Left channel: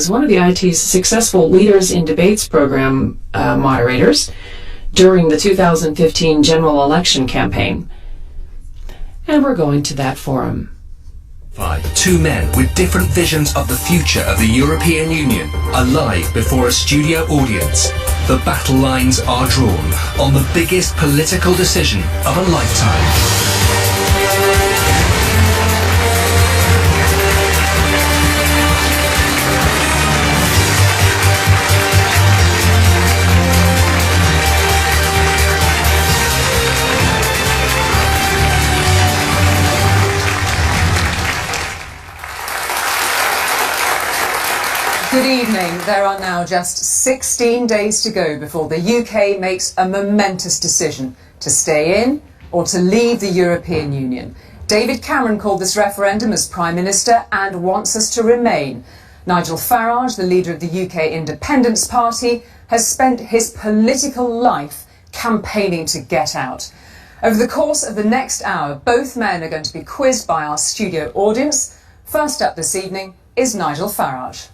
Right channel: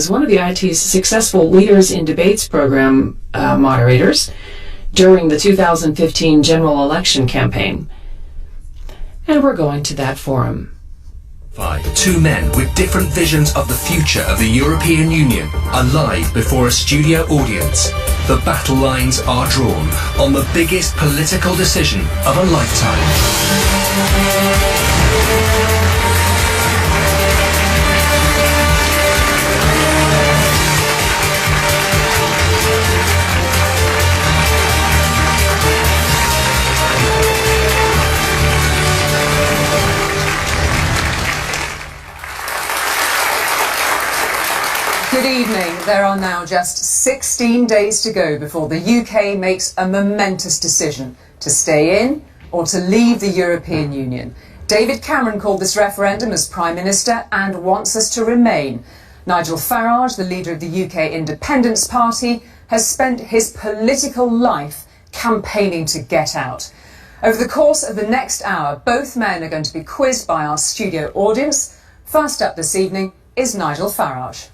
Is one of the IT's successful Leaders in Debates program moderators during the 2015 general election campaign. And we're going to that forum. Two men with different visions of the future of the European Union are live before a studio audience. The battle lines are drawn on the biggest political decision of a lifetime. Good evening. There are now just 16 days to go before the UK makes a momentous decision to stay in or to leave the European Union. David Cameron called this referendum as Prime Minister and wants us to remain. Nigel Farage, the leader of the UK Independence Party, has spent his political life campaigning to get out. Over the course of the next hour, both men are going to be quizzed by our studio audience. First up this evening is Nigel Farage.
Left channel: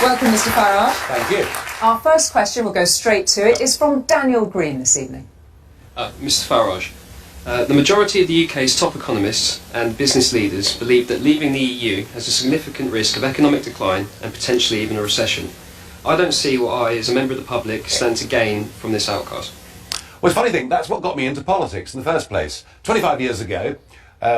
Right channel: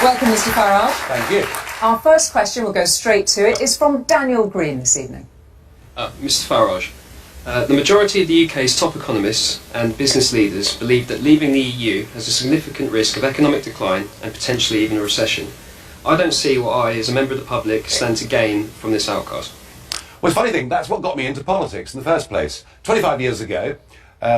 Welcome, Mr. Farage. Thank you. Our first question, we'll go straight to it, is from Daniel Green this evening. Mr. Farage, the majority of the UK's top economists and business leaders believe that leaving the EU has a significant risk of economic decline and potentially even a recession. I don't see what I, as a member of the public, stand to gain from this outcast. Well, it's a funny thing, that's what got me into politics in the first place. 25 years ago,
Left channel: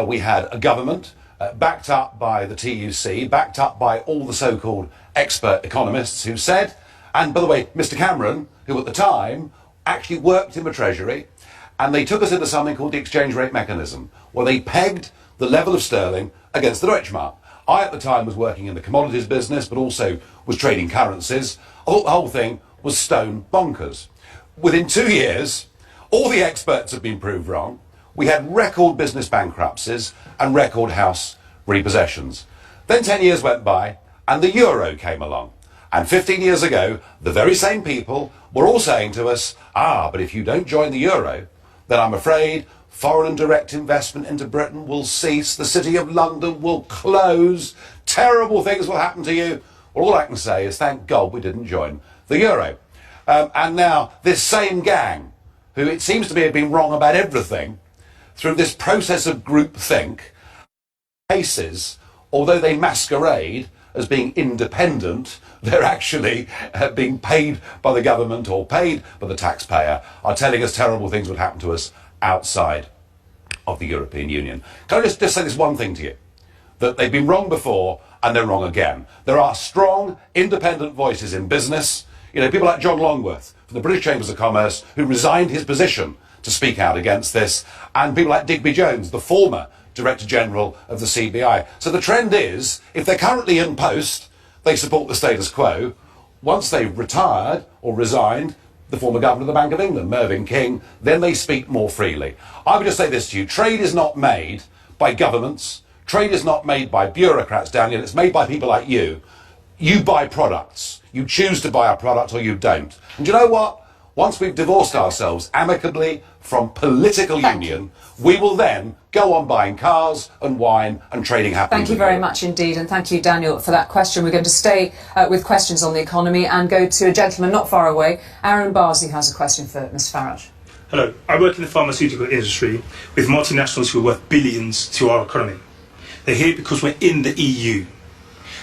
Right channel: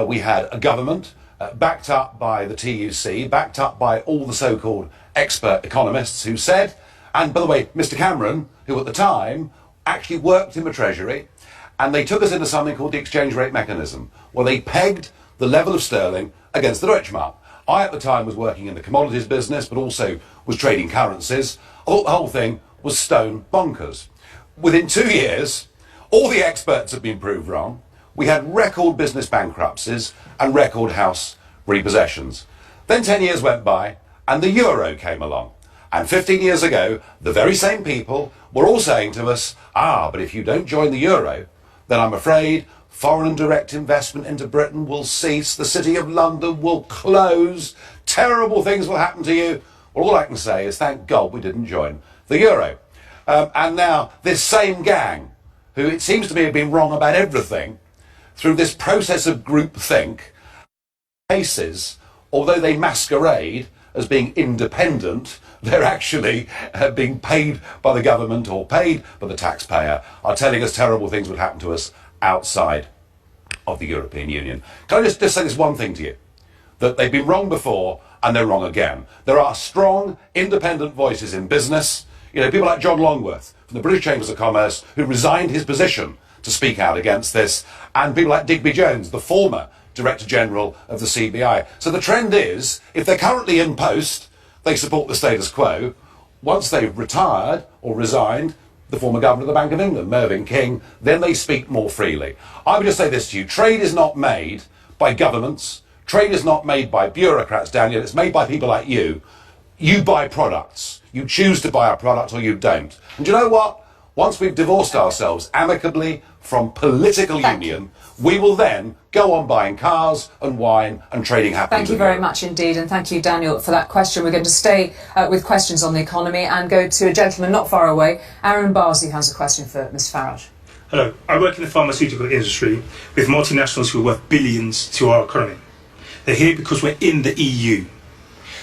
we had a government backed up by the TUC, backed up by all the so-called expert economists who said, and by the way, Mr. Cameron, who at the time actually worked in the Treasury, and they took us into something called the exchange rate mechanism, where they pegged the level of sterling against the Deutschmark. I, at the time, was working in the commodities business, but also was trading currencies. I thought the whole thing was stone bonkers. Within 2 years, all the experts had been proved wrong. We had record business bankruptcies and record house repossessions. Then 10 years went by, and the euro came along. And 15 years ago, the very same people were all saying to us, but if you don't join the euro, then I'm afraid foreign and direct investment into Britain will cease, the City of London will close, terrible things will happen to you. Well, all I can say is thank God we didn't join the euro. And now this same gang, who it seems to me have been wrong about everything, through this process of groupthink, cases, although they masquerade as being independent, they're actually being paid by the government or paid by the taxpayer, are telling us terrible things would happen to us outside of the European Union. Can I just say this one thing to you? That they've been wrong before and they're wrong again. There are strong, independent voices in business. You know, people like John Longworth from the British Chambers of Commerce, who resigned his position to speak out against this, and people like Digby Jones, the former Director General of the CBI. So the trend is, if they're currently in post, they support the status quo. Once they've retired or resigned, the former Governor of the Bank of England, Mervyn King, then they speak more freely. I would just say this to you, trade is not made by governments, trade is not made by bureaucrats, Daniel, it's made by people like you. You buy products, you choose to buy a product or you don't. And do you know what? Once we've divorced ourselves amicably from political union, we will then go on buying cars and wine and trading happily. Thank you very much indeed, and thank you, Daniel, for that question. We're going to stay with questions on the economy and go to a gentleman not far away. Aaron Barsley has a question for Mr. Farage. Hello. I work in the pharmaceutical industry with multinationals who are worth billions to our economy. They're here because we're in the EU.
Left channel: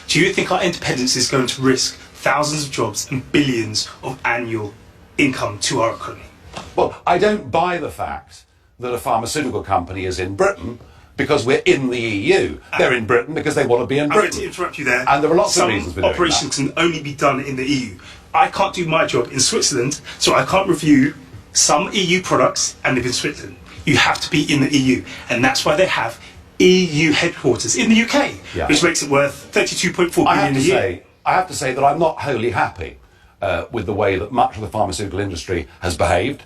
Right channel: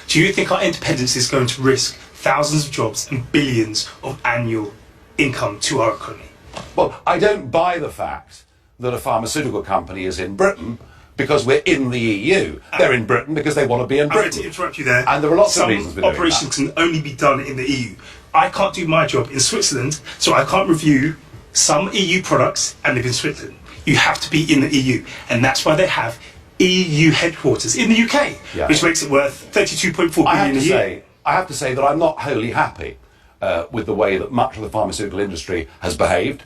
Do you think our independence is going to risk thousands of jobs and billions of annual income to our economy? Well, I don't buy the fact that a pharmaceutical company is in Britain because we're in the EU. They're in Britain because they want to be in Britain. I'm going to interrupt you there. And there are lots of reasons for doing that. Some operations can only be done in the EU. I can't do my job in Switzerland, so I can't review some EU products and live in Switzerland. You have to be in the EU, and that's why they have EU headquarters in the UK, which makes it worth 32.4 billion a year. I have to say that I'm not wholly happy with the way that much of the pharmaceutical industry has behaved.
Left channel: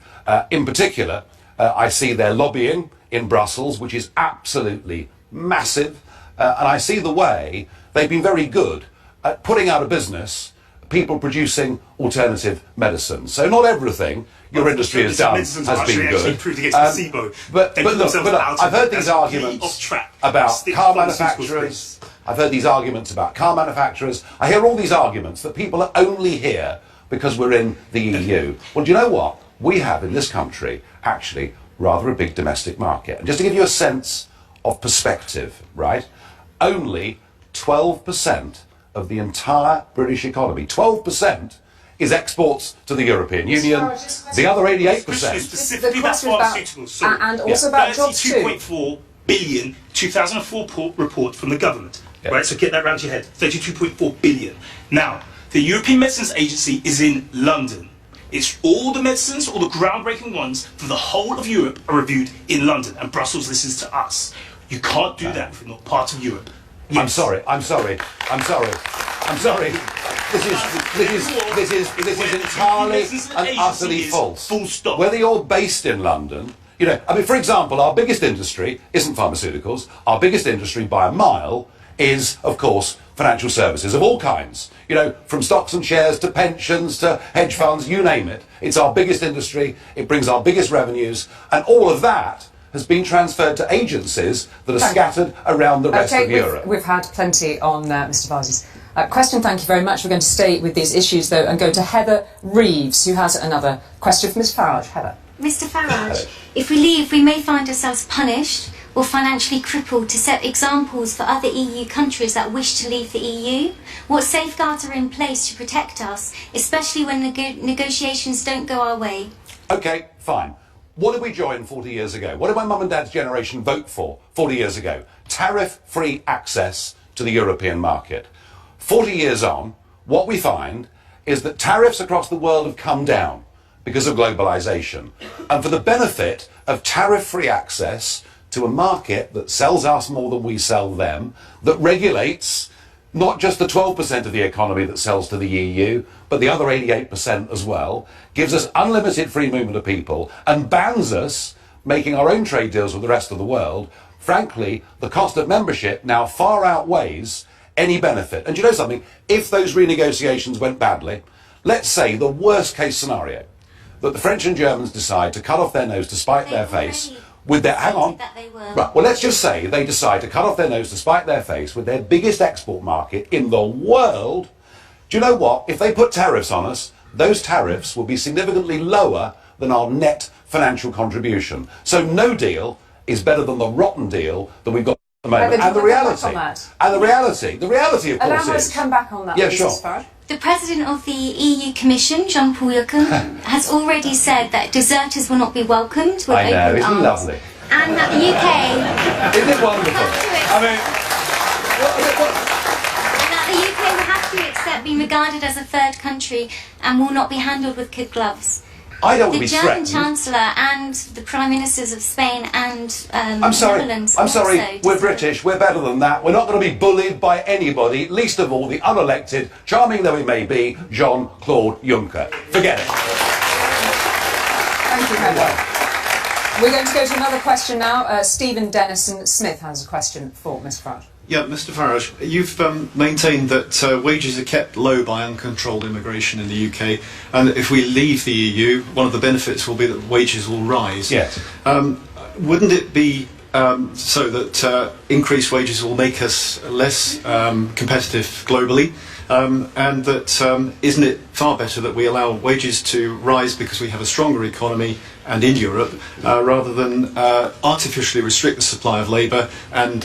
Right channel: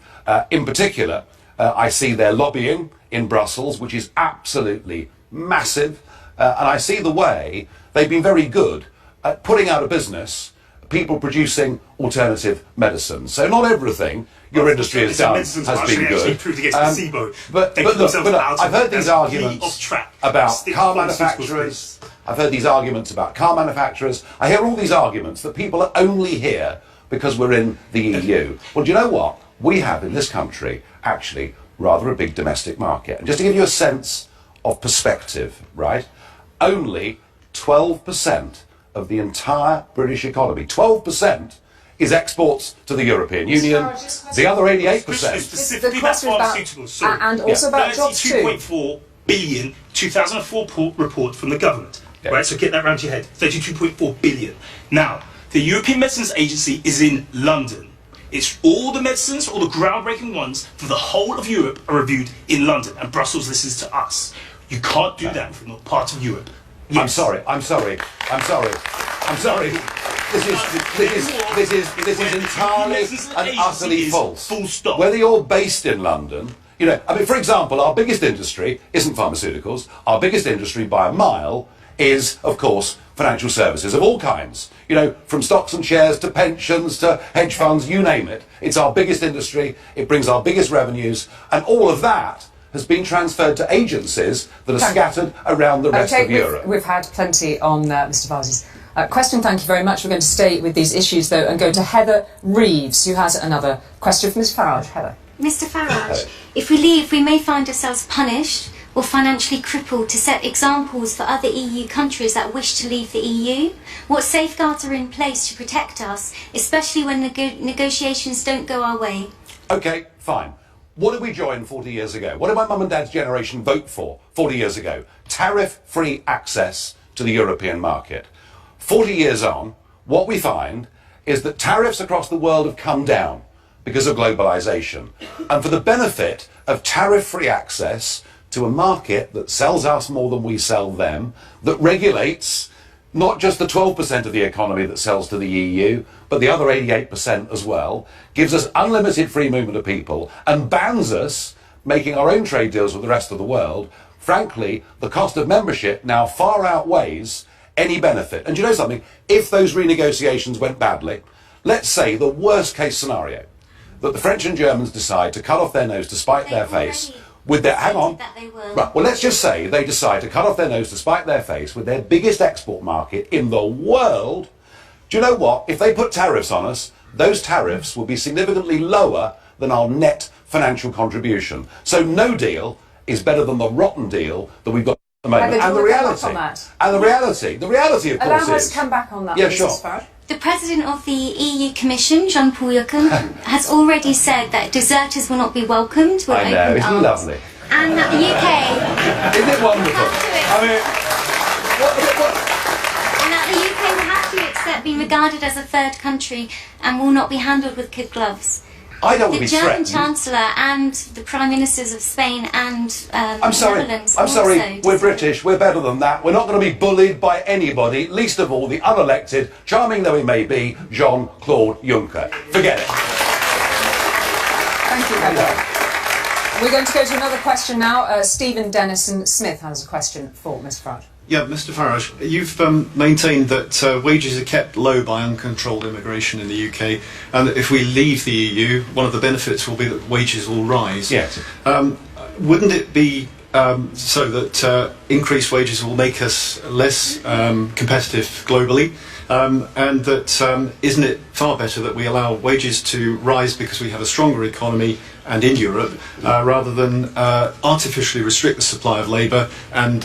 In particular, I see their lobbying in Brussels, which is absolutely massive, and I see the way they've been very good at putting out of business people producing alternative medicines. So not everything your industry has done has been good. Proved against placebo. But look, I've heard these arguments about car manufacturers. I've heard these arguments about car manufacturers. I hear all these arguments that people are only here because we're in the EU. Well, do you know what? We have in this country actually rather a big domestic market. And just to give you a sense of perspective, right? Only 12% of the entire British economy, 12%, is exports to the European Union. The other 88%. Specifically about pharmaceuticals, sorry. And also about jobs too. 32.4 billion 2004 report from the government. Right, so get that round to your head. 32.4 billion. Now, the European Medicines Agency is in London. It's all the medicines, all the groundbreaking ones for the whole of Europe are reviewed in London, and Brussels listens to us. You can't do that if you're not part of Europe. Yes. I'm sorry. This is entirely and utterly false. Full stop. Whether you're based in London, you know, I mean, for example, our biggest industry isn't pharmaceuticals. Our biggest industry by a mile is, of course, financial services of all kinds. You know, from stocks and shares to pensions to hedge funds, you name it. It's our biggest industry. It brings our biggest revenues, and all of that has been transferred to agencies that are scattered around the rest of Europe. We've had plenty on Mr. Farage's question. Thank you very much. We're going to stay with these issues, though, and go to Heather Reeves, who has another question for Ms. Farage. Heather. Mr. Farage, if we leave, we may find ourselves punished or financially crippled to set examples for other EU countries that wish to leave the EU. What safeguards are in place to protect us, especially when negotiations don't go our way? OK, fine. What did we join 40 years ago? What did my mum and dad's generation vote for 40 years ago? Tariff-free access to the European market. 40 years on, what we find is that tariffs across the world have come down because of globalisation. And for the benefit of tariff-free access to a market that sells us more than we sell them, that regulates not just the 12% of the economy that sells to the EU, but the other 88% as well, gives us unlimited free movement of people and bans us making our own trade deals with the rest of the world, frankly, the cost of membership now far outweighs any benefit. And do you know something? If those renegotiations went badly, let's say the worst case scenario, that the French and Germans decide to cut off their nose to spite their face with their... Hang on. Right, well, let's just say they decide to cut off their nose to spite their face with their biggest export market in the world. Do you know what? If they put tariffs on us, those tariffs will be significantly lower than our net financial contribution. So no deal is better than the rotten deal that we've got at the moment. And the reality, of course, allow us to come back on that, yeah, please, sure. Ms. Farage. The President of the EU Commission, Jean-Paul Juncker, has already said that deserters will not be welcomed with I know, open isn't arms. it lovely? And that the UK... Isn't it wonderful? And that the UK will have to accept being regarded as a third country and will not be handled with kid gloves. I don't want to be The German threatened. Chancellor and the Prime Ministers of Spain and I'm sorry, Netherlands I'm sorry, also we're disagree. British, we're better than that. We're not going to be bullied by anybody, least of all the unelected, charming though he may be, Jean-Claude Juncker. Forget it. Thank you, Heather. We're going to go to another question now. Stephen Dennison-Smith has a question for Ms. Farage. Yeah, Mr Farage, you've maintained that wages are kept low by uncontrolled immigration in the UK, and that if we leave the EU, one of the benefits will be that wages will rise. Yes. Wouldn't it be so that increased wages will make us less competitive globally? And that isn't it far better that we allow wages to rise because we have a stronger economy and in Europe, rather than artificially restrict the supply of labour and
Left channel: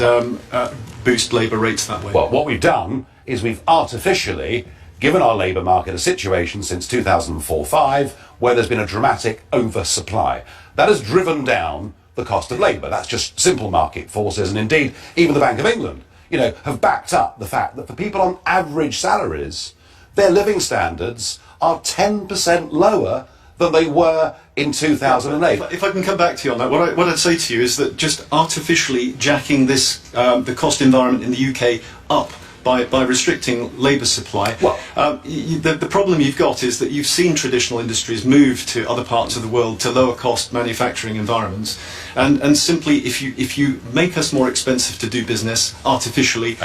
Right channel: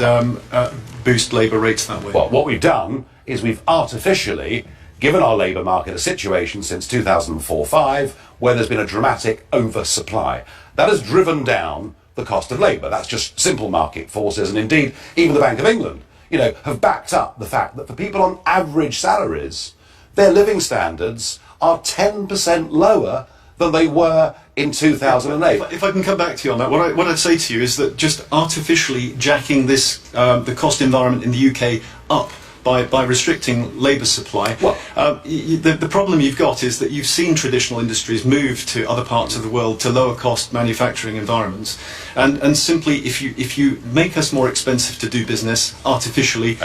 boost labour rates that way? Well, what we've done is we've artificially given our labour market a situation since 2004-05 where there's been a dramatic oversupply. That has driven down the cost of labour. That's just simple market forces, and indeed even the Bank of England, you know, have backed up the fact that for people on average salaries, their living standards are 10% lower than they were in 2008. If I can come back to you on that, what I'd say to you is that just artificially jacking this the cost environment in the UK up by restricting labour supply, the problem you've got is that you've seen traditional industries move to other parts of the world to lower cost manufacturing environments, and simply if you make us more expensive to do business artificially,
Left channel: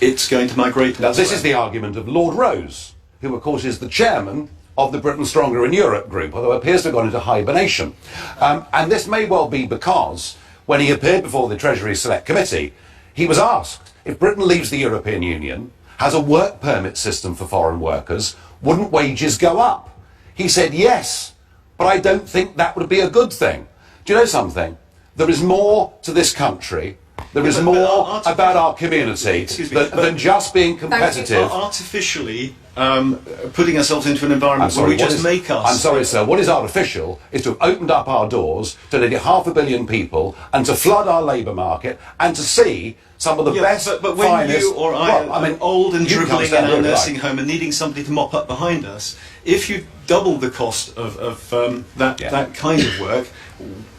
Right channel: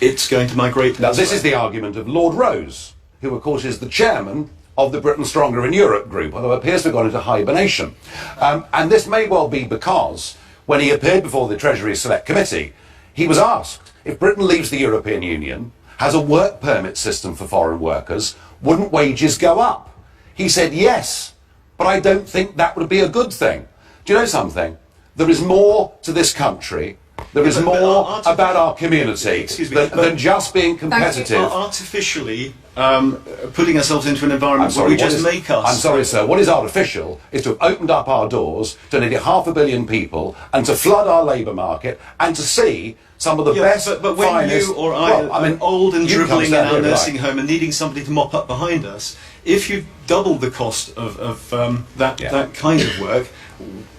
it's going to migrate. Now this is the argument of Lord Rose, who, of course, is the chairman of the Britain Stronger in Europe group, although appears to have gone into hibernation. And this may well be because when he appeared before the Treasury Select Committee, he was asked if Britain leaves the European Union, has a work permit system for foreign workers, wouldn't wages go up? He said yes, but I don't think that would be a good thing. Do you know something? There is more to this country. There is more about our community than just being competitive. Artificially putting ourselves into an environment where we just make us... I'm sorry, sir. What is artificial is to have opened up our doors to nearly 500 million people and to flood our labour market and to see some of the best, but when finest... you or I are old and dribbling in our nursing home and needing somebody to mop up behind us, if you double the cost of that kind of work,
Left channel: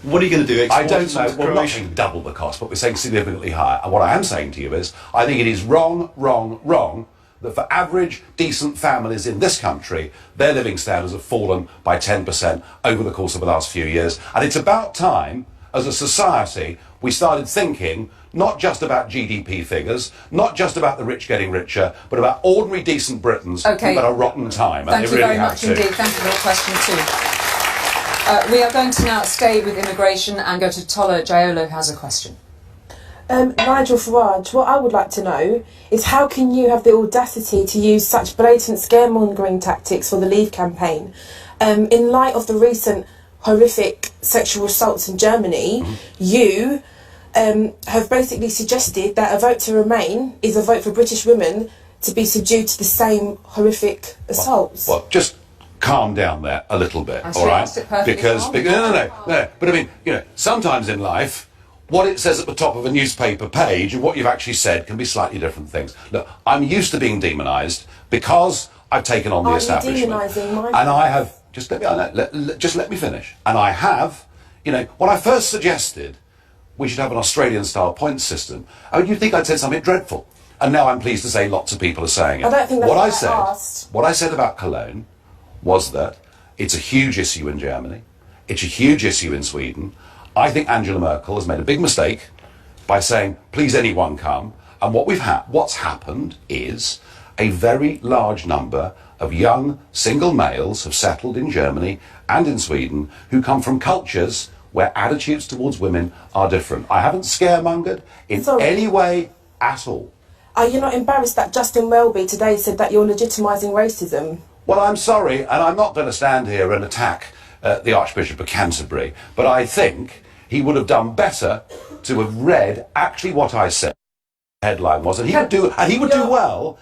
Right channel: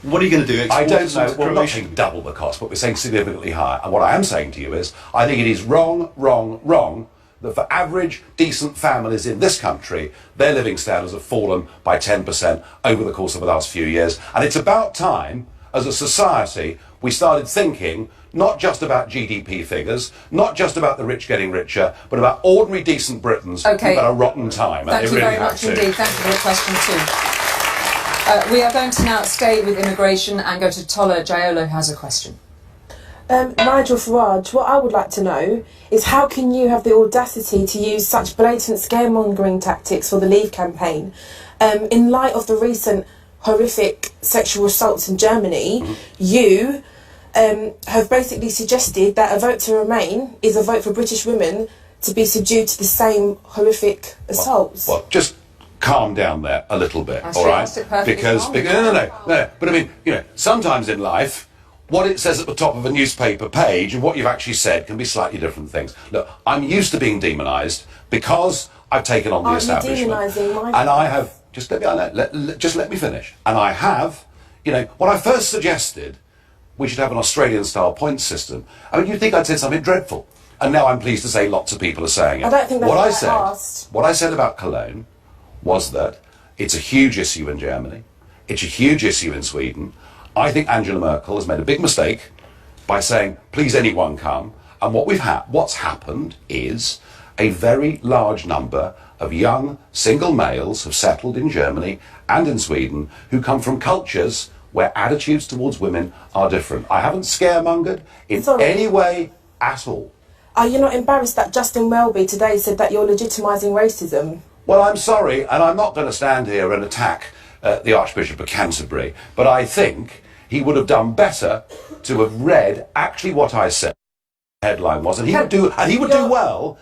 what are you going to do? I don't know. Well, we're not saying double the cost, but we're saying significantly higher. And what I am saying to you is, I think it is wrong that for average, decent families in this country, their living standards have fallen by 10% over the course of the last few years. And it's about time, as a society, we started thinking not just about GDP figures, not just about the rich getting richer, but about ordinary, decent Britons who've got a rotten time. Thank you very much indeed. Thank you for the question too. We are going to now stay with immigration and go to Tola Jayolo, who has a question. Nigel Farage, what I would like to know is how can you have the audacity to use such blatant scaremongering tactics for the Leave campaign in light of the recent horrific sexual assaults in Germany? You have basically suggested that a vote to Remain is a vote for British women to be subdued to the same horrific assaults. Well, just calm down there a little bit, all right? Because no. But I mean, sometimes in life, what it says at the top of a newspaper page and what you've actually said can be slightly different things. Look, I'm used to being demonised because I've taken on the establishment. And I have... Just let me finish. And I have, when I first suggested we should have an Australian-style points system, I mean, you'd think I'd said something dreadful. And now I'm pleased to say lots of people are saying it. I don't think that's what I said about Cologne was that it's a huge issue in Germany. It's a huge issue in Sweden. I think Angela Merkel has made a big mistake by saying, please anyone come. And what's happened is a very large number of young single males have settled in Germany and in Sweden who come from cultures where attitudes towards women are different. I haven't scaremongered in any way at all. Are you not embarrassed that Justin Welby today said that you're legitimising racism? Well, I'm sorry, and I'm not going to stand here and attack the Archbishop of Canterbury, but I think he would have done better to have read actually what I said. Headline was, and he would do well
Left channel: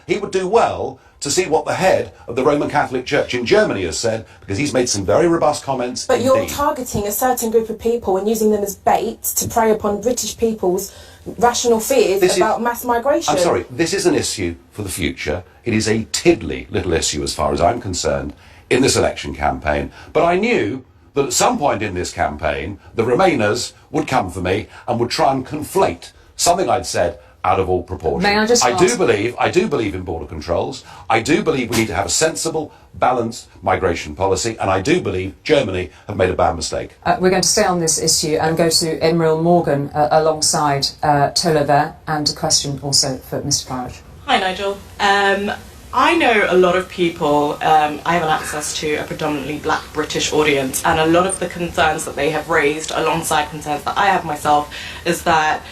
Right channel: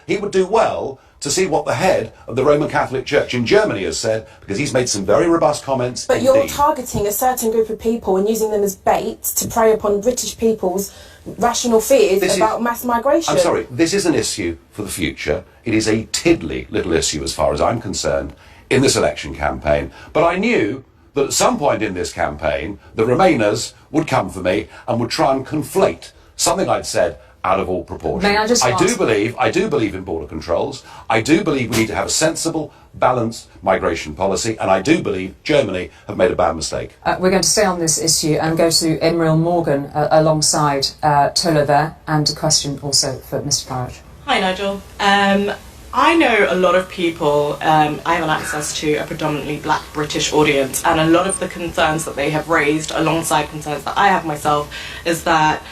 to see what the head of the Roman Catholic Church in Germany has said, because he's made some very robust comments. But you're targeting a certain group of people and using them as bait to prey upon British people's rational fears about mass migration. I'm sorry, this is an issue for the future. It is a tiddly little issue as far as I'm concerned in this election campaign. But I knew that at some point in this campaign, the Remainers would come for me and would try and conflate something I'd said out of all proportion. May I just ask... I do believe in border controls. I do believe we need to have a sensible, balanced migration policy, and I do believe Germany have made a bad mistake. We're going to stay on this issue and go to Emeril Morgan alongside Tola there, and a question also for Mr Farage. Hi, Nigel. I know a lot of people, I have an access to a predominantly black British audience, and a lot of the concerns that they have raised, alongside concerns that I have myself, is that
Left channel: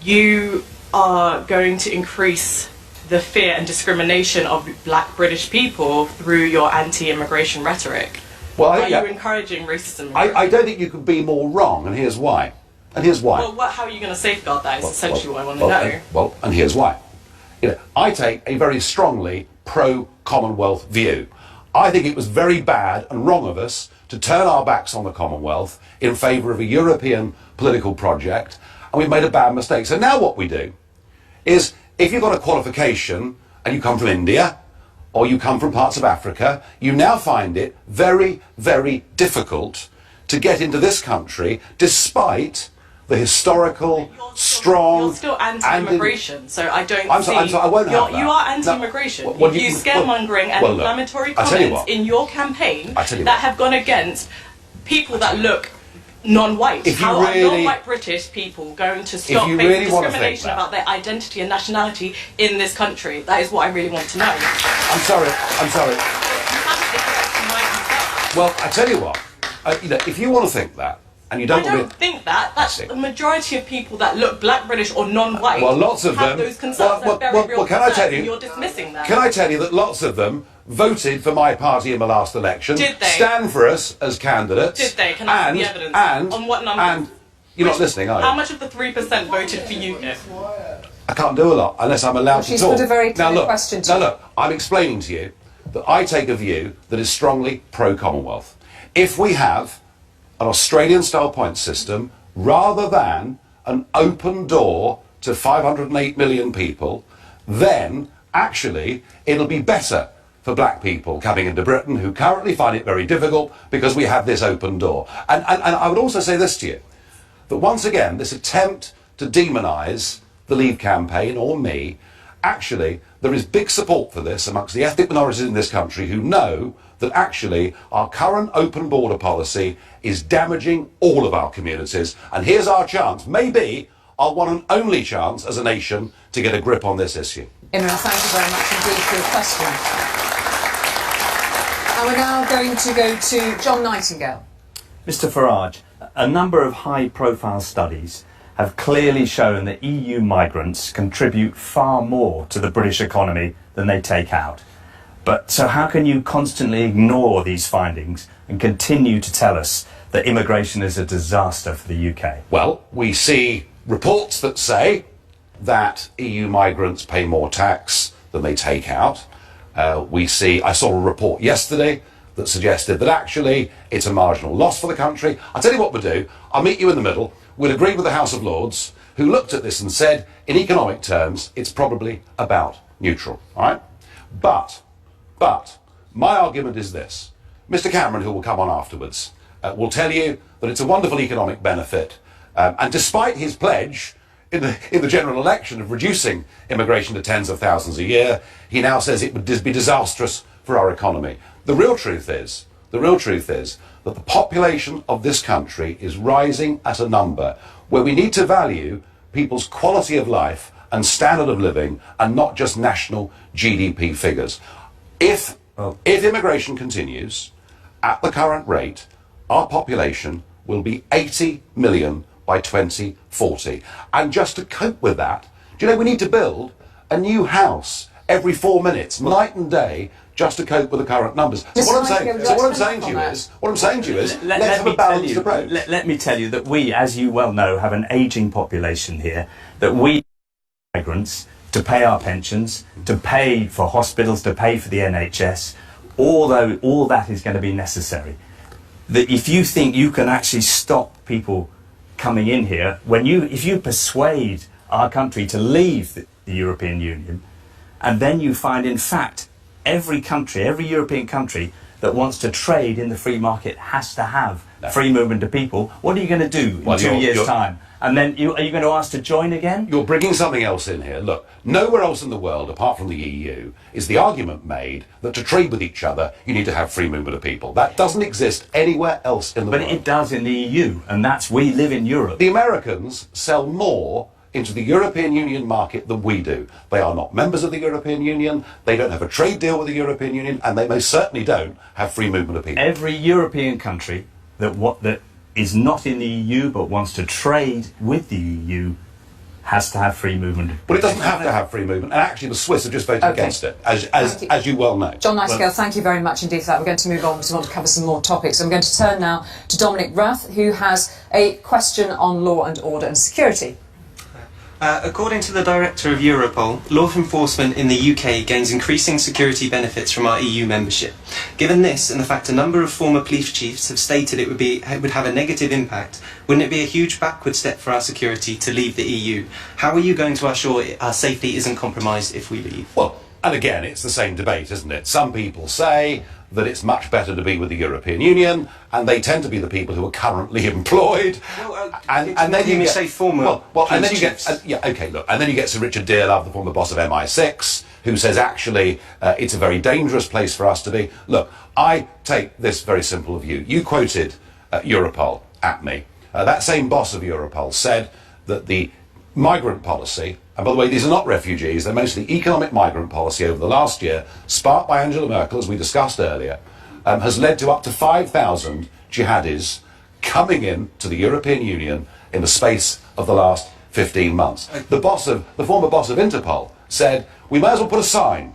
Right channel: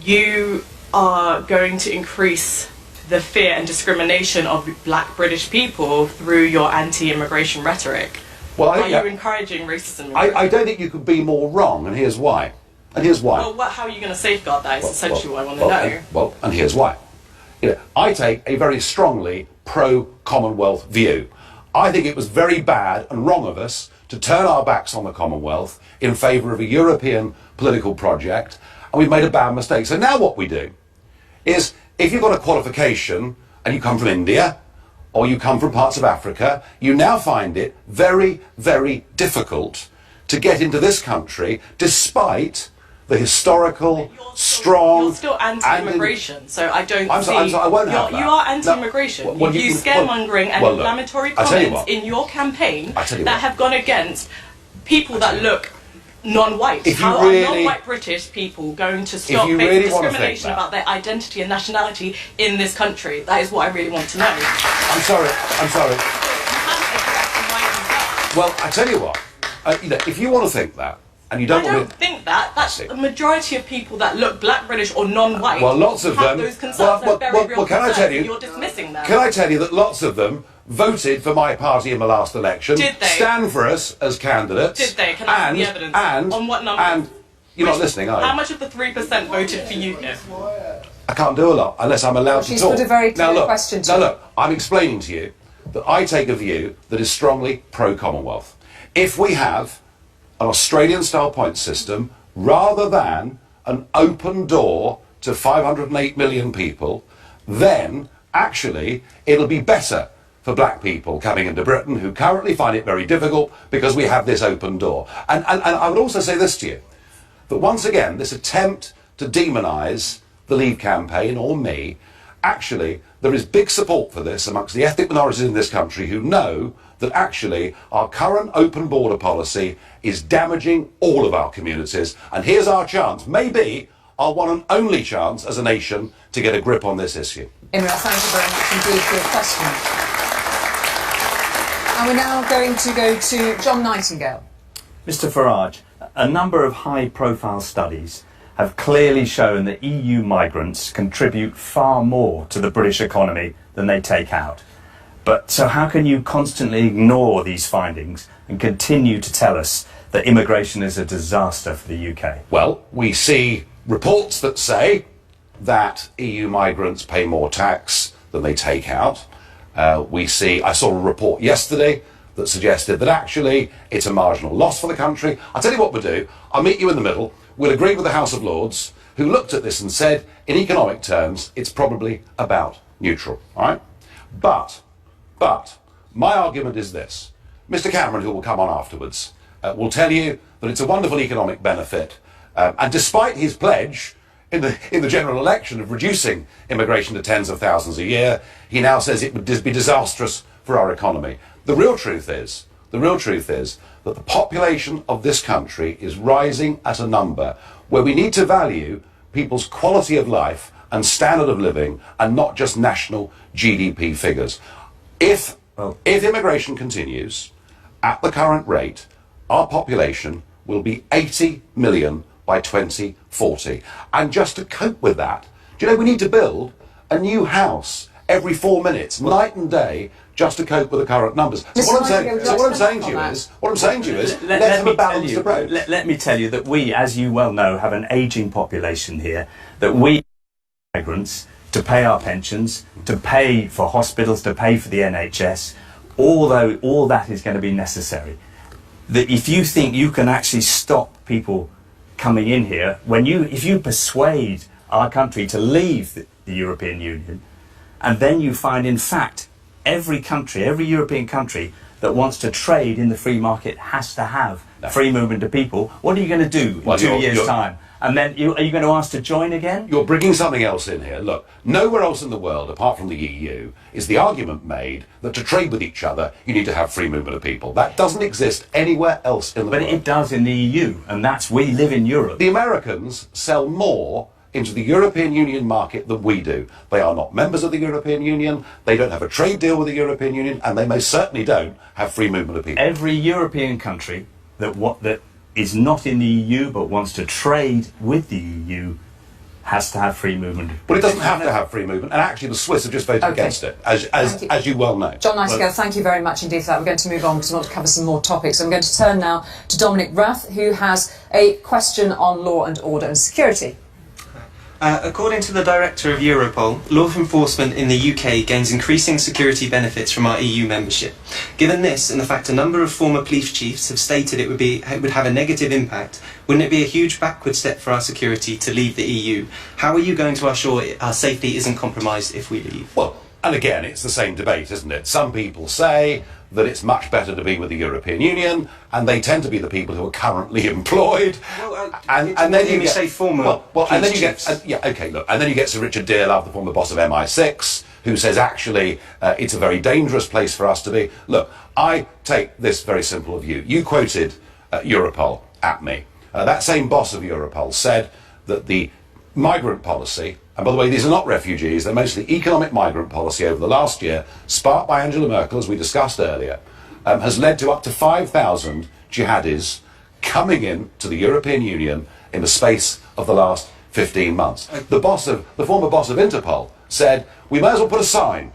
you are going to increase the fear and discrimination of black British people through your anti-immigration rhetoric. Well, are you encouraging racism? I don't think you could be more wrong, and here's why. Well, how are you going to safeguard that is essentially what I want to know. And here's why. I take a very strongly pro-Commonwealth view. I think it was very bad and wrong of us to turn our backs on the Commonwealth in favour of a European political project, and we've made a bad mistake. So now what we do is, if you've got a qualification and you come from India or you come from parts of Africa, you now find it very, very difficult to get into this country despite the historical, strong... You're still anti-immigration, so I don't see... I won't have that. You are anti-immigration. No, you use scaremongering and inflammatory comments in your campaign that have gone against people that look non-white. If you How really- are non-white British people going to stop you facing really wanna think discrimination that- about their identity and nationality in this country? That is what I really want to know. I'm sorry. You haven't addressed my concern. Well, I tell you what, if you want to think that, and you don't I want don't think that. That's see. the majority of people that look black, British or non-white. Well, lots of have them- those concerns. They're very real can I concerns, tell you- and you're dismissing them. Can I tell you that lots of them voted for my party in the last election, Did they? stand for us as candidates. Did they? Can I see the evidence? On what numbers? And you're not listening, are you? How much of the 3% voted for you? I can't do a lot unless I'm allowed to she's talk. put a very clear now, look, question to Now you. look, I'm explaining to you that I take a view that is strongly pro-Commonwealth. If we have an Australian-style point system rather than an open door to 508 million people, then actually it'll be better for black people coming into Britain who currently find it very difficult because we have this open door. And I would also say this to you, that once again, this attempt to demonise the Leave campaign or me, actually, there is big support for this amongst the ethnic minorities in this country who know that actually our current open border policy is damaging all of our communities. And here's our chance, maybe our one and only chance as a nation to get a grip on this issue. Imran, thank you very much indeed for your question. And we're now going to go to John Nightingale. Mr Farage, a number of high-profile studies have clearly shown that EU migrants contribute far more to the British economy than they take out. But so how can you constantly ignore these findings and continue to tell us that immigration is a disaster for the UK? Well, we see reports that say that EU migrants pay more tax than they take out. I saw a report yesterday that suggested that actually it's a marginal loss for the country. I'll tell you what we'll do. I'll meet you in the middle. We'll agree with the House of Lords, who looked at this and said, in economic terms, it's probably about neutral. All right? But my argument is this. Mr Cameron, who will come on afterwards, will tell you that it's a wonderful economic benefit. And despite his pledge in the general election of reducing immigration to tens of thousands a year, he now says it would be disastrous for our economy. The real truth is that the population of this country is rising at a number where we need to value people's quality of life and standard of living and not just national GDP figures. If immigration continues at the current rate, our population will be 80 million by 2040. And just to cope with that, do you know, we need to build a new house every 4 minutes, night and day, just to cope with the current numbers. So what I'm saying to you is, let's have a balanced approach. Let me tell you that we, as you well know, have an ageing population here, that we migrants to pay our pensions, to pay for hospitals, to pay for the NHS, although all that is going to be necessary. That if you think you can actually stop people coming in here, if you persuade our country to leave the European Union, and then you find, in fact, every European country that wants to trade in the free market has to have free movement of people, what are you going to do in 2 years' time? And then are you going to ask to join again? You're bringing something else in here. Look, nowhere else in the world, apart from the EU, is the argument made that to trade with each other, you need to have free movement of people. That doesn't exist anywhere else in the world. But it does in the EU, and we live in Europe. The Americans sell more into the European Union market than we do. They are not members of the European Union, they don't have a trade deal with the European Union, and they most certainly don't have free movement of people. Every European country that is not in the EU but wants to trade with the EU has to have free movement. Well, it doesn't have to have free movement, and actually the Swiss have just voted against it, as you well know. John Nightingale, thank you very much indeed for that. We're going to move on because we want to cover some more topics. I'm going to turn now to Dominic Rath, who has a question on law and order and security. According to the Director of Europol, law enforcement in the UK gains increasing security benefits from our EU membership. Given this, and the fact a number of former police chiefs have stated it would have a negative impact, wouldn't it be a huge backward step for our security to leave the EU? How are you going to assure our safety isn't compromised if we leave? Well, and again, it's the same debate, isn't it? Some people say that it's much better to be with the European Union, and they tend to be the people who are currently employed. Well, and then you say former and then you chiefs. get and then you get Sir Richard Dearlove, the former boss of MI6, who says actually it's a very dangerous place for us to be. Look, I take this very simple view. You quoted Europol at me. that same boss of Europol said that the migrant policy, and by the way, these are not refugees, they're mostly economic migrant policy over the last year, sparked by Angela Merkel, as we discussed earlier, has led to up to 5,000 jihadis coming in to the European Union in the space of the last 15 months. The former boss of Interpol said, we may as well put a sign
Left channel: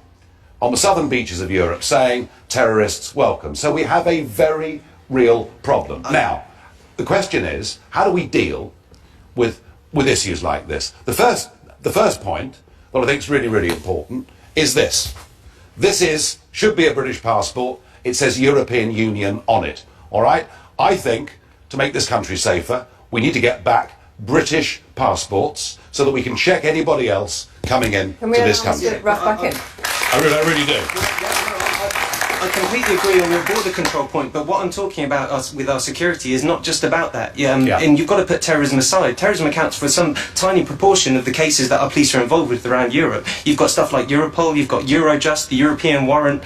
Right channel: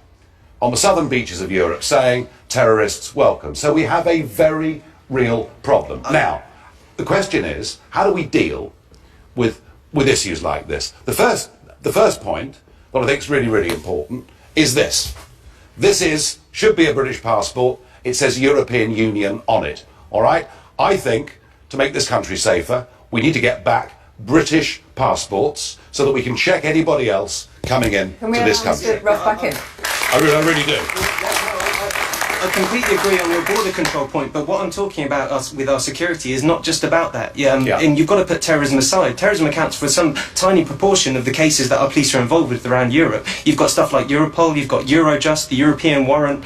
on the southern beaches of Europe saying, terrorists welcome. So we have a very real problem. Now, the question is, how do we deal with issues like this? The first point that I think is really, really important is this. This should be a British passport. It says European Union on it. All right? I think, to make this country safer, we need to get back British passports so that we can check anybody else coming in to this country. Can we allow Mr. Ruff back in? I really do. I completely agree on your border control point, but what I'm talking about with our security is not just about that. And you've got to put terrorism aside. Terrorism accounts for some tiny proportion of the cases that our police are involved with around Europe. You've got stuff like Europol, you've got Eurojust, the European warrant,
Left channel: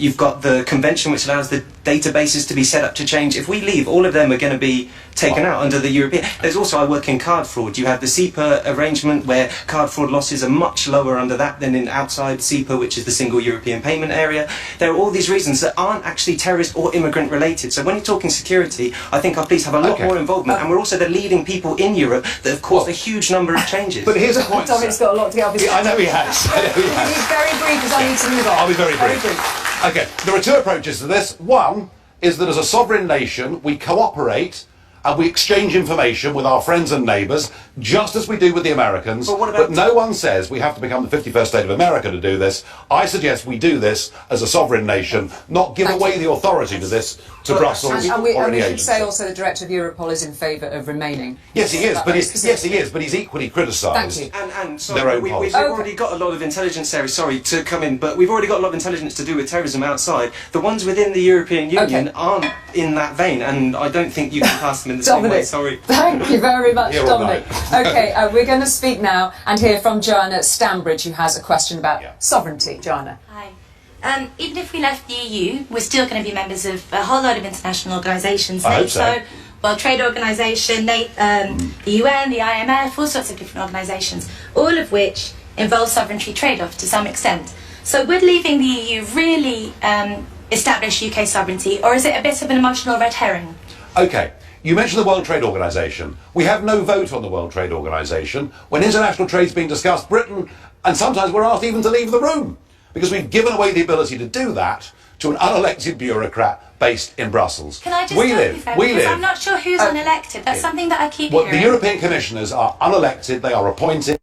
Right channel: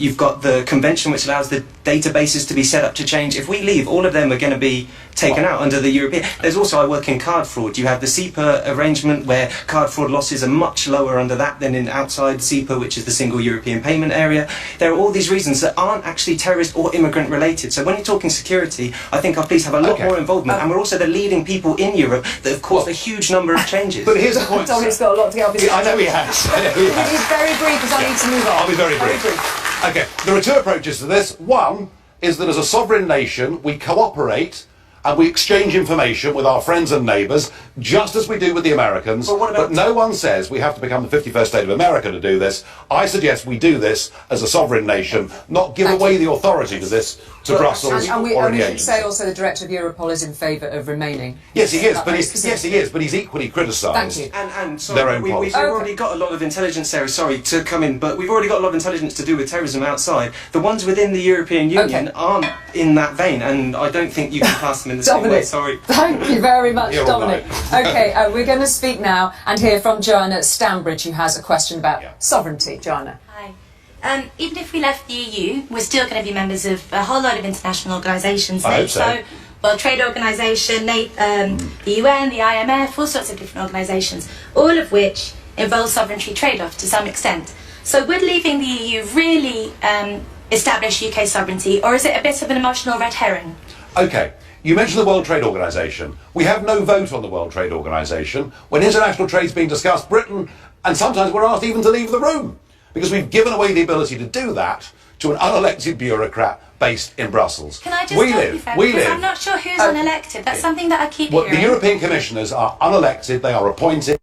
you've got the convention which allows the databases to be set up to change. If we leave, all of them are going to be taken out under the European. There's also, I work in card fraud. You have the SEPA arrangement where card fraud losses are much lower under that than in outside SEPA, which is the single European payment area. There are all these reasons that aren't actually terrorist or immigrant related. So when you're talking security, I think our police have a lot more involvement, and we're also the leading people in Europe that have caused a huge number of changes. But here's the point, Dominic's got a lot to get off his I know he has. He's very brief because I need to move on. I'll be very brief. Okay, there are two approaches to this. One is that as a sovereign nation, we cooperate and we exchange information with our friends and neighbours, just as we do with the Americans. But no one says we have to become the 51st state of America to do this. I suggest we do this as a sovereign nation, not give away the authority to this to Brussels or any we should agency. say also the director of Europol is in favour of remaining. Yes, he is, but he's equally criticised their own policy. We've already got a lot of intelligence there, sorry to come in, but we've already got a lot of intelligence to do with terrorism outside. The ones within the European Union aren't in that vein, and I don't think you can pass them in the same way, sorry. Thank you very much, You're Dominic. right. Okay, we're going to speak now and hear from Joanna Stambridge, who has a question about sovereignty. Joanna. Hi. Even if we left the EU, we're still going to be members of a whole lot of international organisations. I hope so. World Trade Organisation, the UN, the IMF, all sorts of different organisations, all of which involve sovereignty trade-off to some extent. So would leaving the EU really establish UK sovereignty, or is it a bit of an emotional red herring? Okay. You mentioned the World Trade Organisation. We have no vote on the World Trade Organisation. When international trade's being discussed, Britain, and sometimes we're asked even to leave the room, because we've given away the ability to do that to an unelected bureaucrat based in Brussels. Can I just stop you there? Because I'm not sure who's unelected. That's something that I keep hearing. The European commissioners are unelected. They are appointed.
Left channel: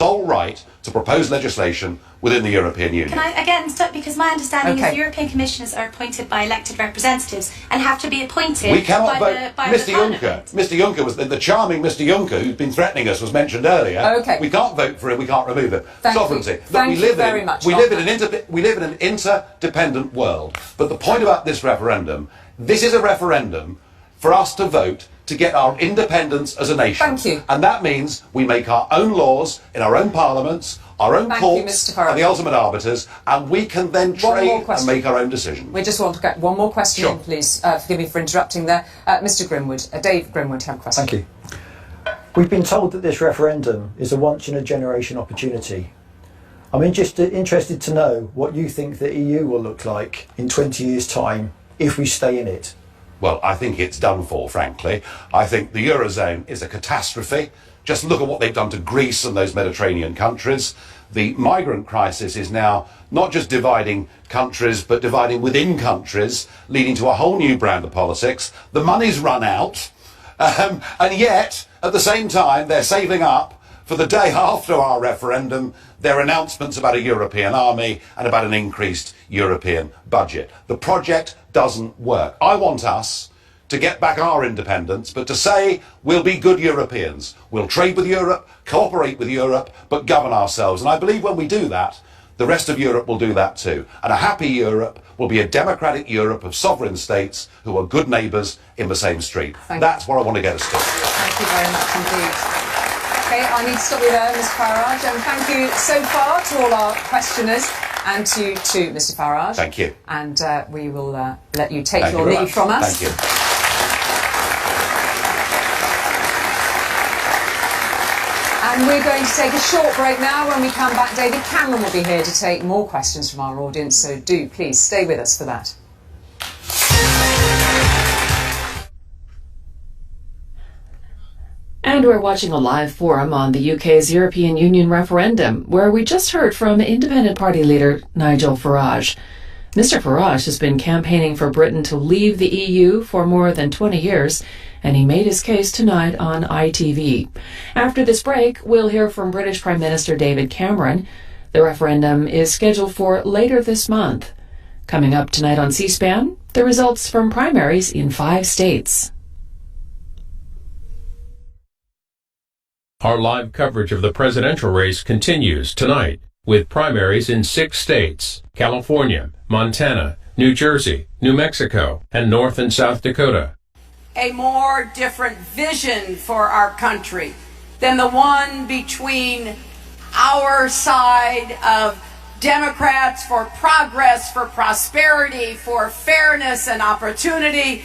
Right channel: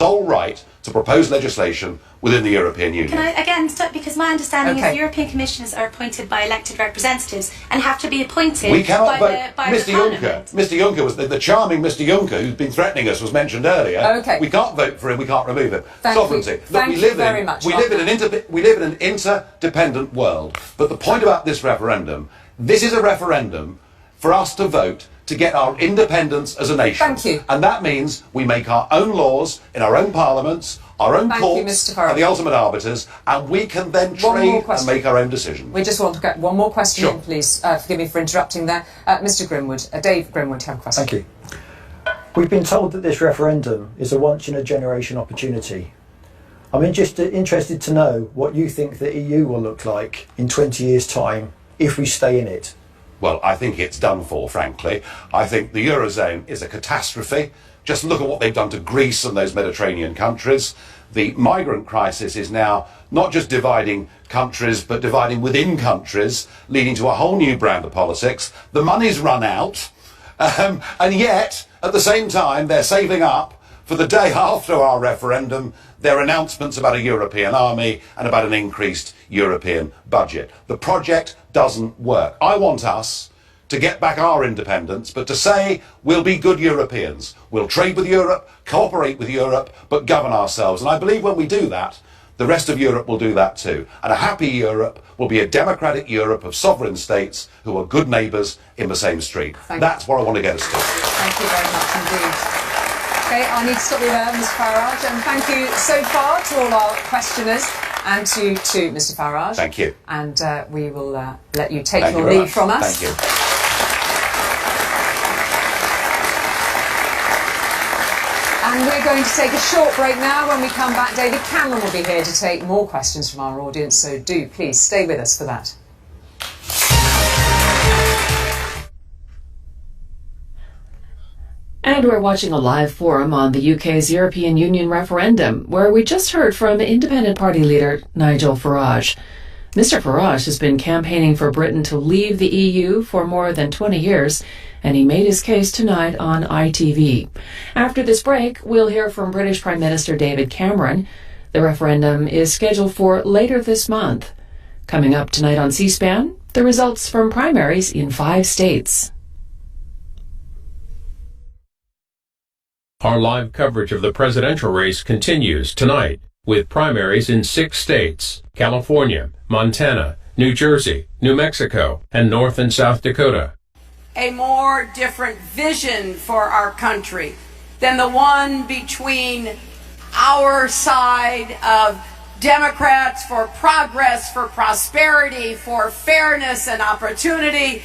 Sole right to propose legislation within the European Union. Can I again stop, because my understanding is European commissioners are appointed by elected representatives and have to be appointed we cannot by vote. Mr. Juncker. Mr. Juncker was the charming Mr. Juncker who's been threatening us was mentioned earlier. Okay. We can't vote for him. We can't remove him. Sovereignty. Thank you very much. We live in an interdependent world. But the point about this referendum, this is a referendum for us to vote to get our independence as a nation. Thank you. And that means we make our own laws in our own parliaments, our own courts are the ultimate arbiters, and we can then trade and make our own decisions. We just want to get one more question in, please. Forgive me for interrupting there. Mr. Grimwood, Dave Grimwood, you have a question. Thank you. We've been told that this referendum is a once-in-a-generation opportunity. I'm interested to know what you think the EU will look like in 20 years' time if we stay in it. Well, I think it's done for, frankly. I think the Eurozone is a catastrophe. Just look at what they've done to Greece and those Mediterranean countries. The migrant crisis is now not just dividing countries, but dividing within countries, leading to a whole new brand of politics. The money's run out, and yet, at the same time, they're saving up for the day after our referendum, their announcements about a European army and about an increased European budget. The project doesn't work. I want us to get back our independence, but to say we'll be good Europeans. We'll trade with Europe, cooperate with Europe, but govern ourselves. And I believe when we do that, the rest of Europe will do that too. And a happy Europe will be a democratic Europe of sovereign states who are good neighbours in the same street. That's what I want to get us to. Thank you very much indeed. Okay, I need to stop you there, Mr. Farage, and thank you so far to all our questioners and to you too, Mr. Farage. Thank you. And we will let you take your leave from us. Thank you. And we're going to take a short break now. When we come back, David Cameron will be here to take more questions from our audience, so do please stay with us for that. And we're watching a live forum on the UK's European Union referendum, where we just heard from Independent Party leader Nigel Farage. Mr. Farage has been campaigning for Britain to leave the EU for more than 20 years, and he made his case tonight on ITV. After this break, we'll hear from British Prime Minister David Cameron. The referendum is scheduled for later this month. Coming up tonight on C-SPAN, the results from primaries in 5 states. Our live coverage of the presidential race continues tonight with primaries in 6 states: California, Montana, New Jersey, New Mexico, and North and South Dakota. A more different vision for our country than the one between our side of Democrats for progress, for prosperity, for fairness and opportunity,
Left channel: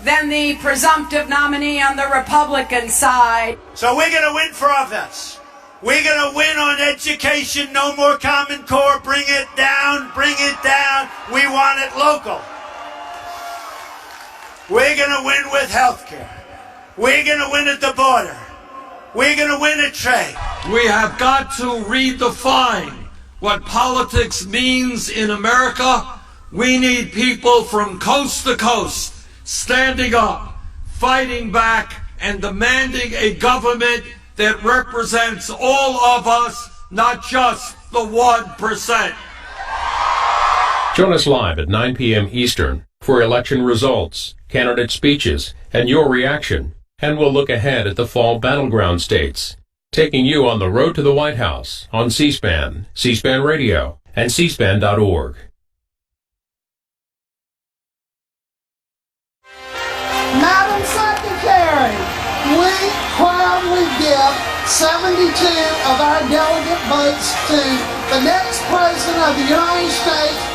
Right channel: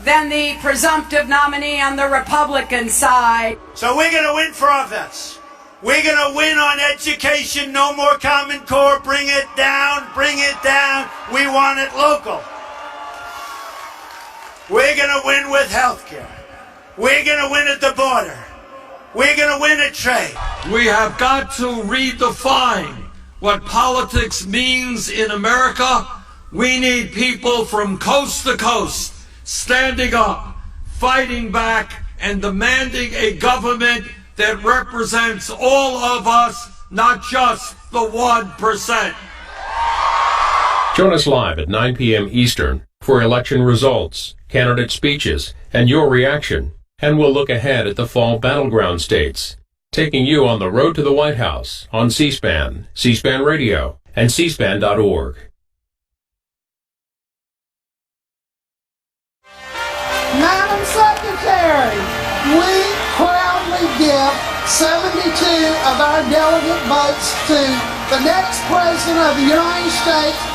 than the presumptive nominee on the Republican side. So we're going to win for offense. We're going to win on education, no more Common Core, bring it down, bring it down. We want it local. We're going to win with health care. We're going to win at the border. We're going to win at trade. We have got to redefine what politics means in America. We need people from coast to coast standing up, fighting back, and demanding a government that represents all of us, not just the 1%. Join us live at 9 p.m. Eastern for election results, candidate speeches, and your reaction. And we'll look ahead at the fall battleground states, taking you on the road to the White House on C-SPAN, C-SPAN Radio, and cspan.org. Madam Secretary, we proudly give 72 of our delegate votes to the next President of the United States.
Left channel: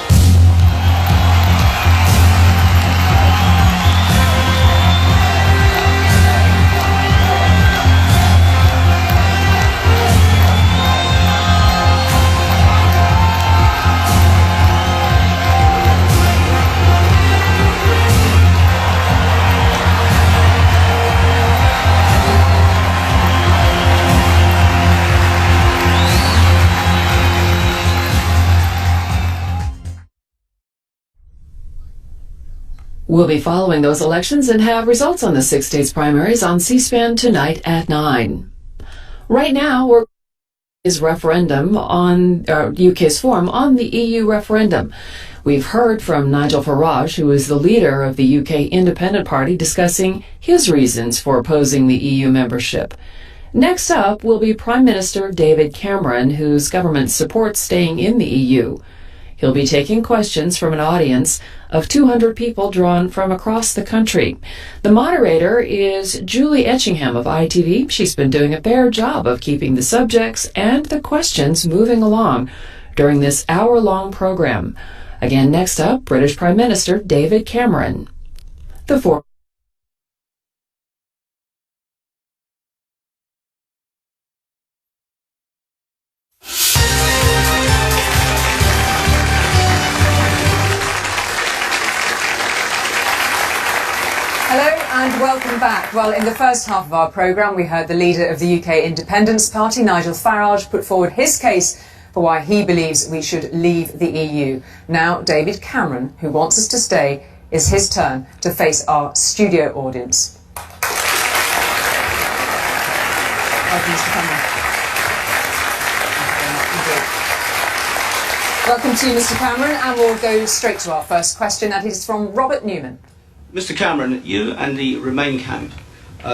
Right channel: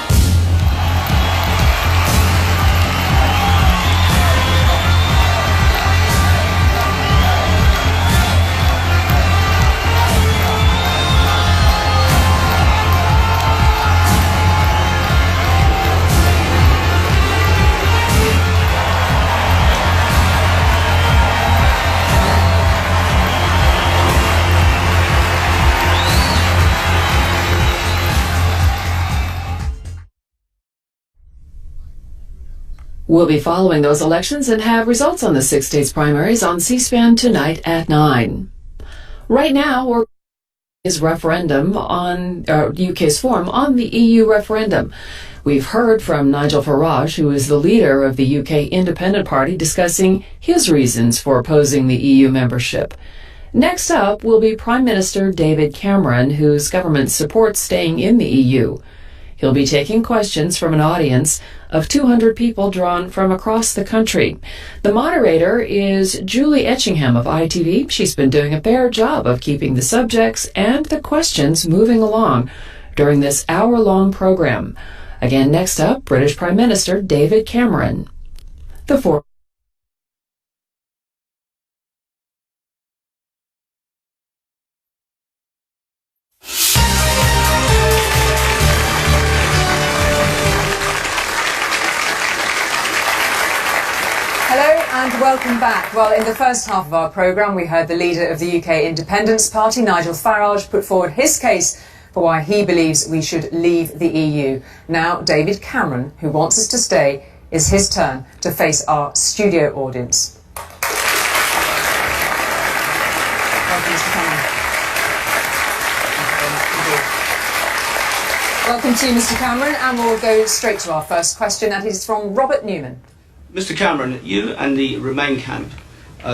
We'll be following those elections and have results on the 6 states primaries on C-SPAN tonight at 9. Right now, we're is referendum on UK's forum on the EU referendum. We've heard from Nigel Farage, who is the leader of the UK Independent Party, discussing his reasons for opposing the EU membership. Next up will be Prime Minister David Cameron, whose government supports staying in the EU. He'll be taking questions from an audience of 200 people drawn from across the country. The moderator is Julie Etchingham of ITV. She's been doing a fair job of keeping the subjects and the questions moving along during this hour-long program. Again, next up, British Prime Minister David Cameron. The four. Hello and welcome back. Well, in the first half of our programme, we heard the leader of the UK Independence Party, Nigel Farage, put forward his case for why he believes we should leave the EU. Now, David Cameron, who wants us to stay, is his turn to face our studio audience. Welcome, Mr. Cameron. Welcome to you, Mr. Cameron, and we'll go straight to our first question, and it is from Robert Newman. Mr. Cameron, you and the Remain camp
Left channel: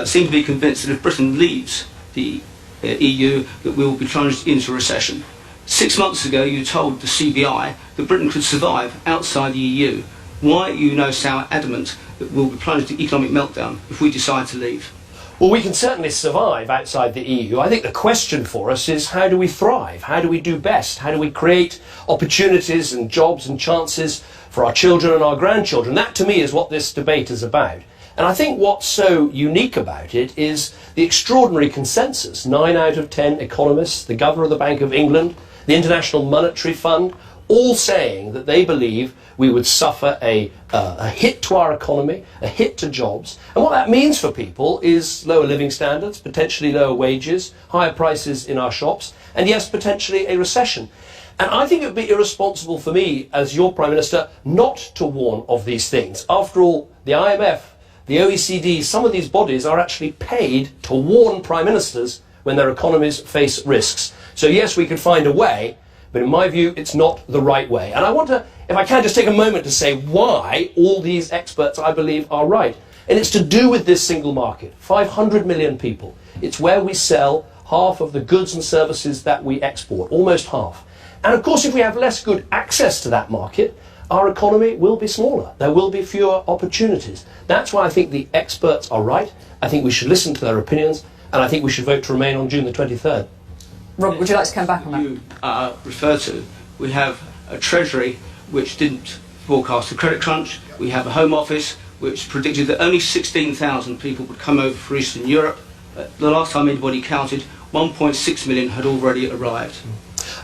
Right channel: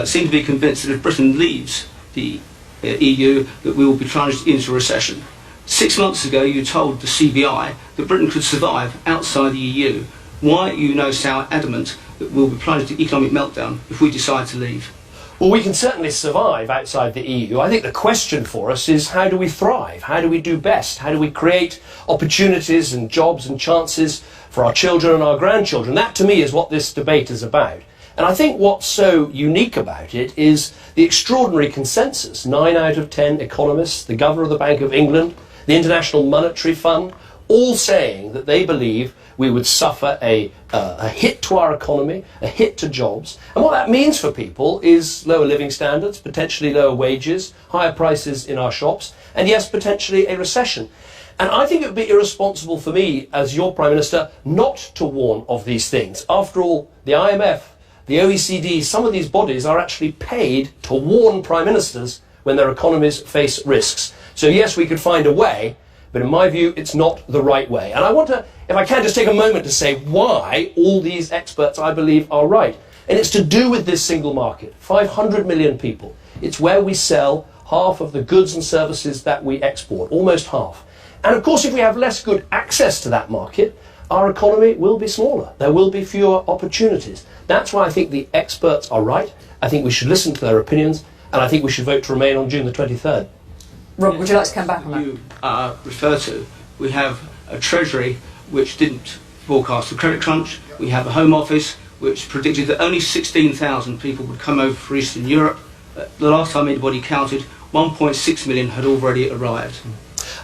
seem to be convinced that if Britain leaves the EU, that we will be plunged into recession. 6 months ago, you told the CBI that Britain could survive outside the EU. Why are you now so adamant that we'll be plunged into economic meltdown if we decide to leave? Well, we can certainly survive outside the EU. I think the question for us is, how do we thrive? How do we do best? How do we create opportunities and jobs and chances for our children and our grandchildren? That, to me, is what this debate is about. And I think what's so unique about it is the extraordinary consensus. 9 out of 10 economists, the Governor of the Bank of England, the International Monetary Fund, all saying that they believe we would suffer a hit to our economy, a hit to jobs. And what that means for people is lower living standards, potentially lower wages, higher prices in our shops, and yes, potentially a recession. And I think it would be irresponsible for me, as your Prime Minister, not to warn of these things. After all, the IMF, the OECD, some of these bodies are actually paid to warn Prime Ministers when their economies face risks. So yes, we could find a way, but in my view, it's not the right way. And I want to, if I can, just take a moment to say why all these experts, I believe, are right. And it's to do with this single market. 500 million people. It's where we sell half of the goods and services that we export, almost half. And of course, if we have less good access to that market, our economy will be smaller. There will be fewer opportunities. That's why I think the experts are right. I think we should listen to their opinions, and I think we should vote to remain on June the 23rd. Rob, would you like to come back on that? You refer to, we have a Treasury which didn't forecast a credit crunch. We have a Home Office which predicted that only 16,000 people would come over from Eastern Europe. The last time anybody counted, 1.6 million had already arrived.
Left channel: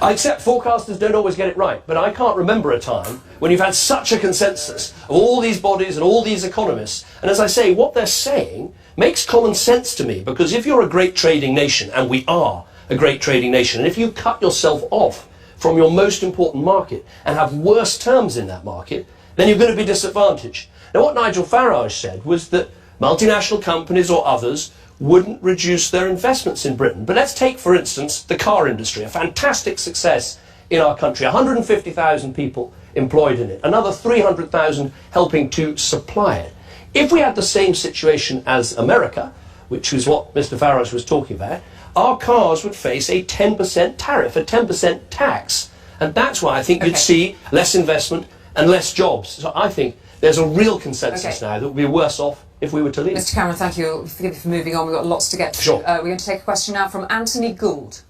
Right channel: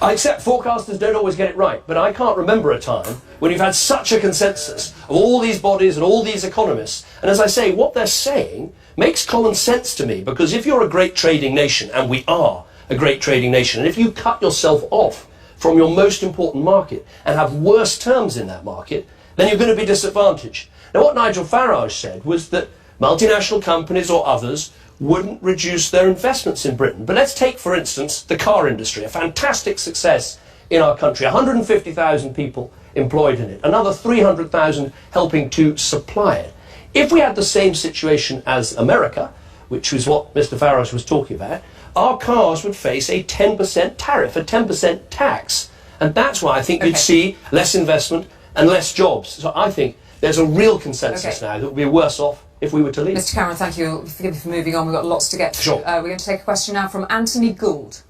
I accept forecasters don't always get it right, but I can't remember a time when you've had such a consensus of all these bodies and all these economists. And as I say, what they're saying makes common sense to me, because if you're a great trading nation, and we are a great trading nation, and if you cut yourself off from your most important market and have worse terms in that market, then you're going to be disadvantaged. Now, what Nigel Farage said was that multinational companies or others wouldn't reduce their investments in Britain. But let's take, for instance, the car industry, a fantastic success in our country, 150,000 people employed in it, another 300,000 helping to supply it. If we had the same situation as America, which was what Mr. Farage was talking about, our cars would face a 10% tariff, a 10% tax. And that's why I think you'd see less investment and less jobs. So I think there's a real consensus now that we'd be worse off if we were to leave. Mr. Cameron, thank you. Forgive me for moving on. We've got lots to get to. Sure. We're going to take a question now from Anthony Gould.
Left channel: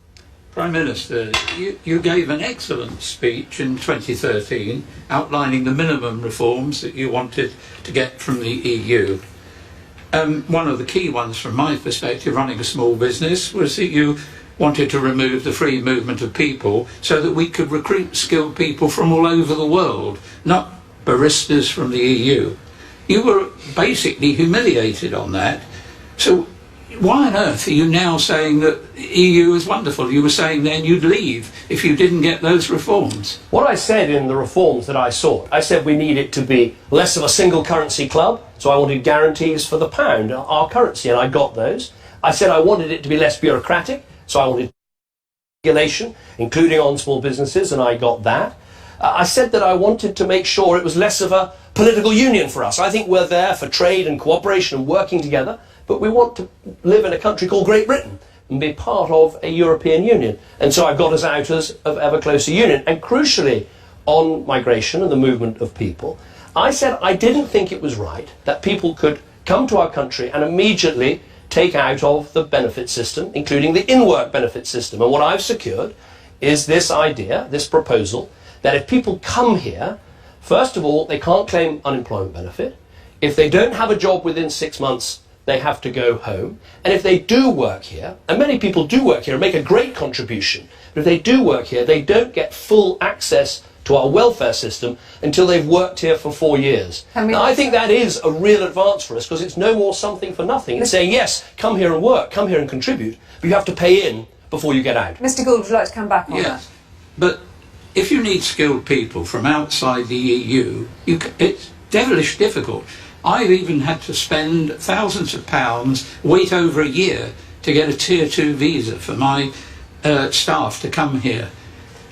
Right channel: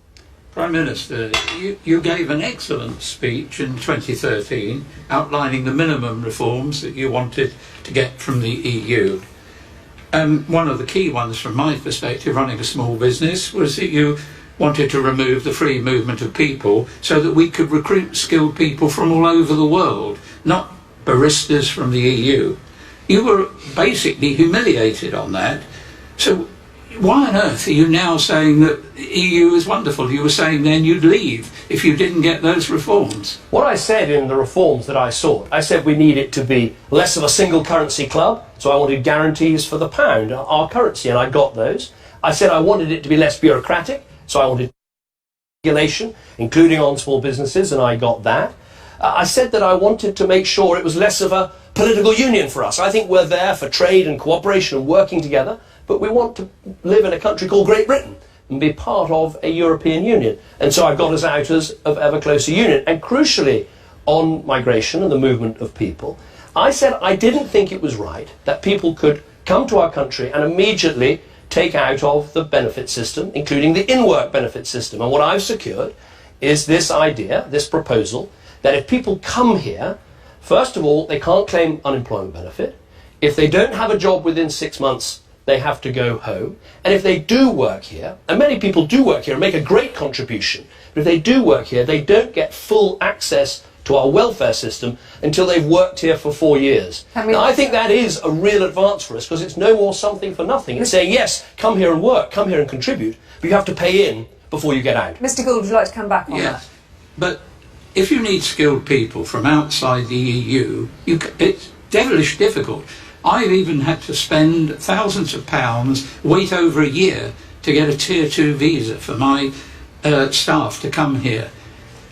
Prime Minister, you gave an excellent speech in 2013 outlining the minimum reforms that you wanted to get from the EU. One of the key ones from my perspective, running a small business, was that you wanted to remove the free movement of people so that we could recruit skilled people from all over the world, not baristas from the EU. You were basically humiliated on that. So why on earth are you now saying that the EU is wonderful? You were saying then you'd leave if you didn't get those reforms. What I said in the reforms that I sought, I said we need it to be less of a single currency club, so I wanted guarantees for the pound, our currency, and I got those. I said I wanted it to be less bureaucratic, so I wanted regulation, including on small businesses, and I got that. I said that I wanted to make sure it was less of a political union for us. I think we're there for trade and cooperation and working together, but we want to live in a country called Great Britain and be part of a European Union. And so I've got us out of ever closer union. And crucially, on migration and the movement of people, I said I didn't think it was right that people could come to our country and immediately take out of the benefit system, including the in-work benefit system. And what I've secured is this idea, this proposal, that if people come here, first of all, they can't claim unemployment benefit. If they don't have a job within 6 months, they have to go home. And if they do work here, and many people do work here and make a great contribution, but if they do work here, they don't get full access to our welfare system until they've worked here for 4 years. Now, I think that is a real advance for us, because it's no more something for nothing. It's saying, yes, come here and work, come here and contribute, but you have to pay in before you get out. Mr. Gould, would you like to come back on that? But if you need skilled people from outside the EU, it's devilish difficult. I've even had to spend thousands of pounds, wait over a year to get a Tier 2 visa for my staff to come here.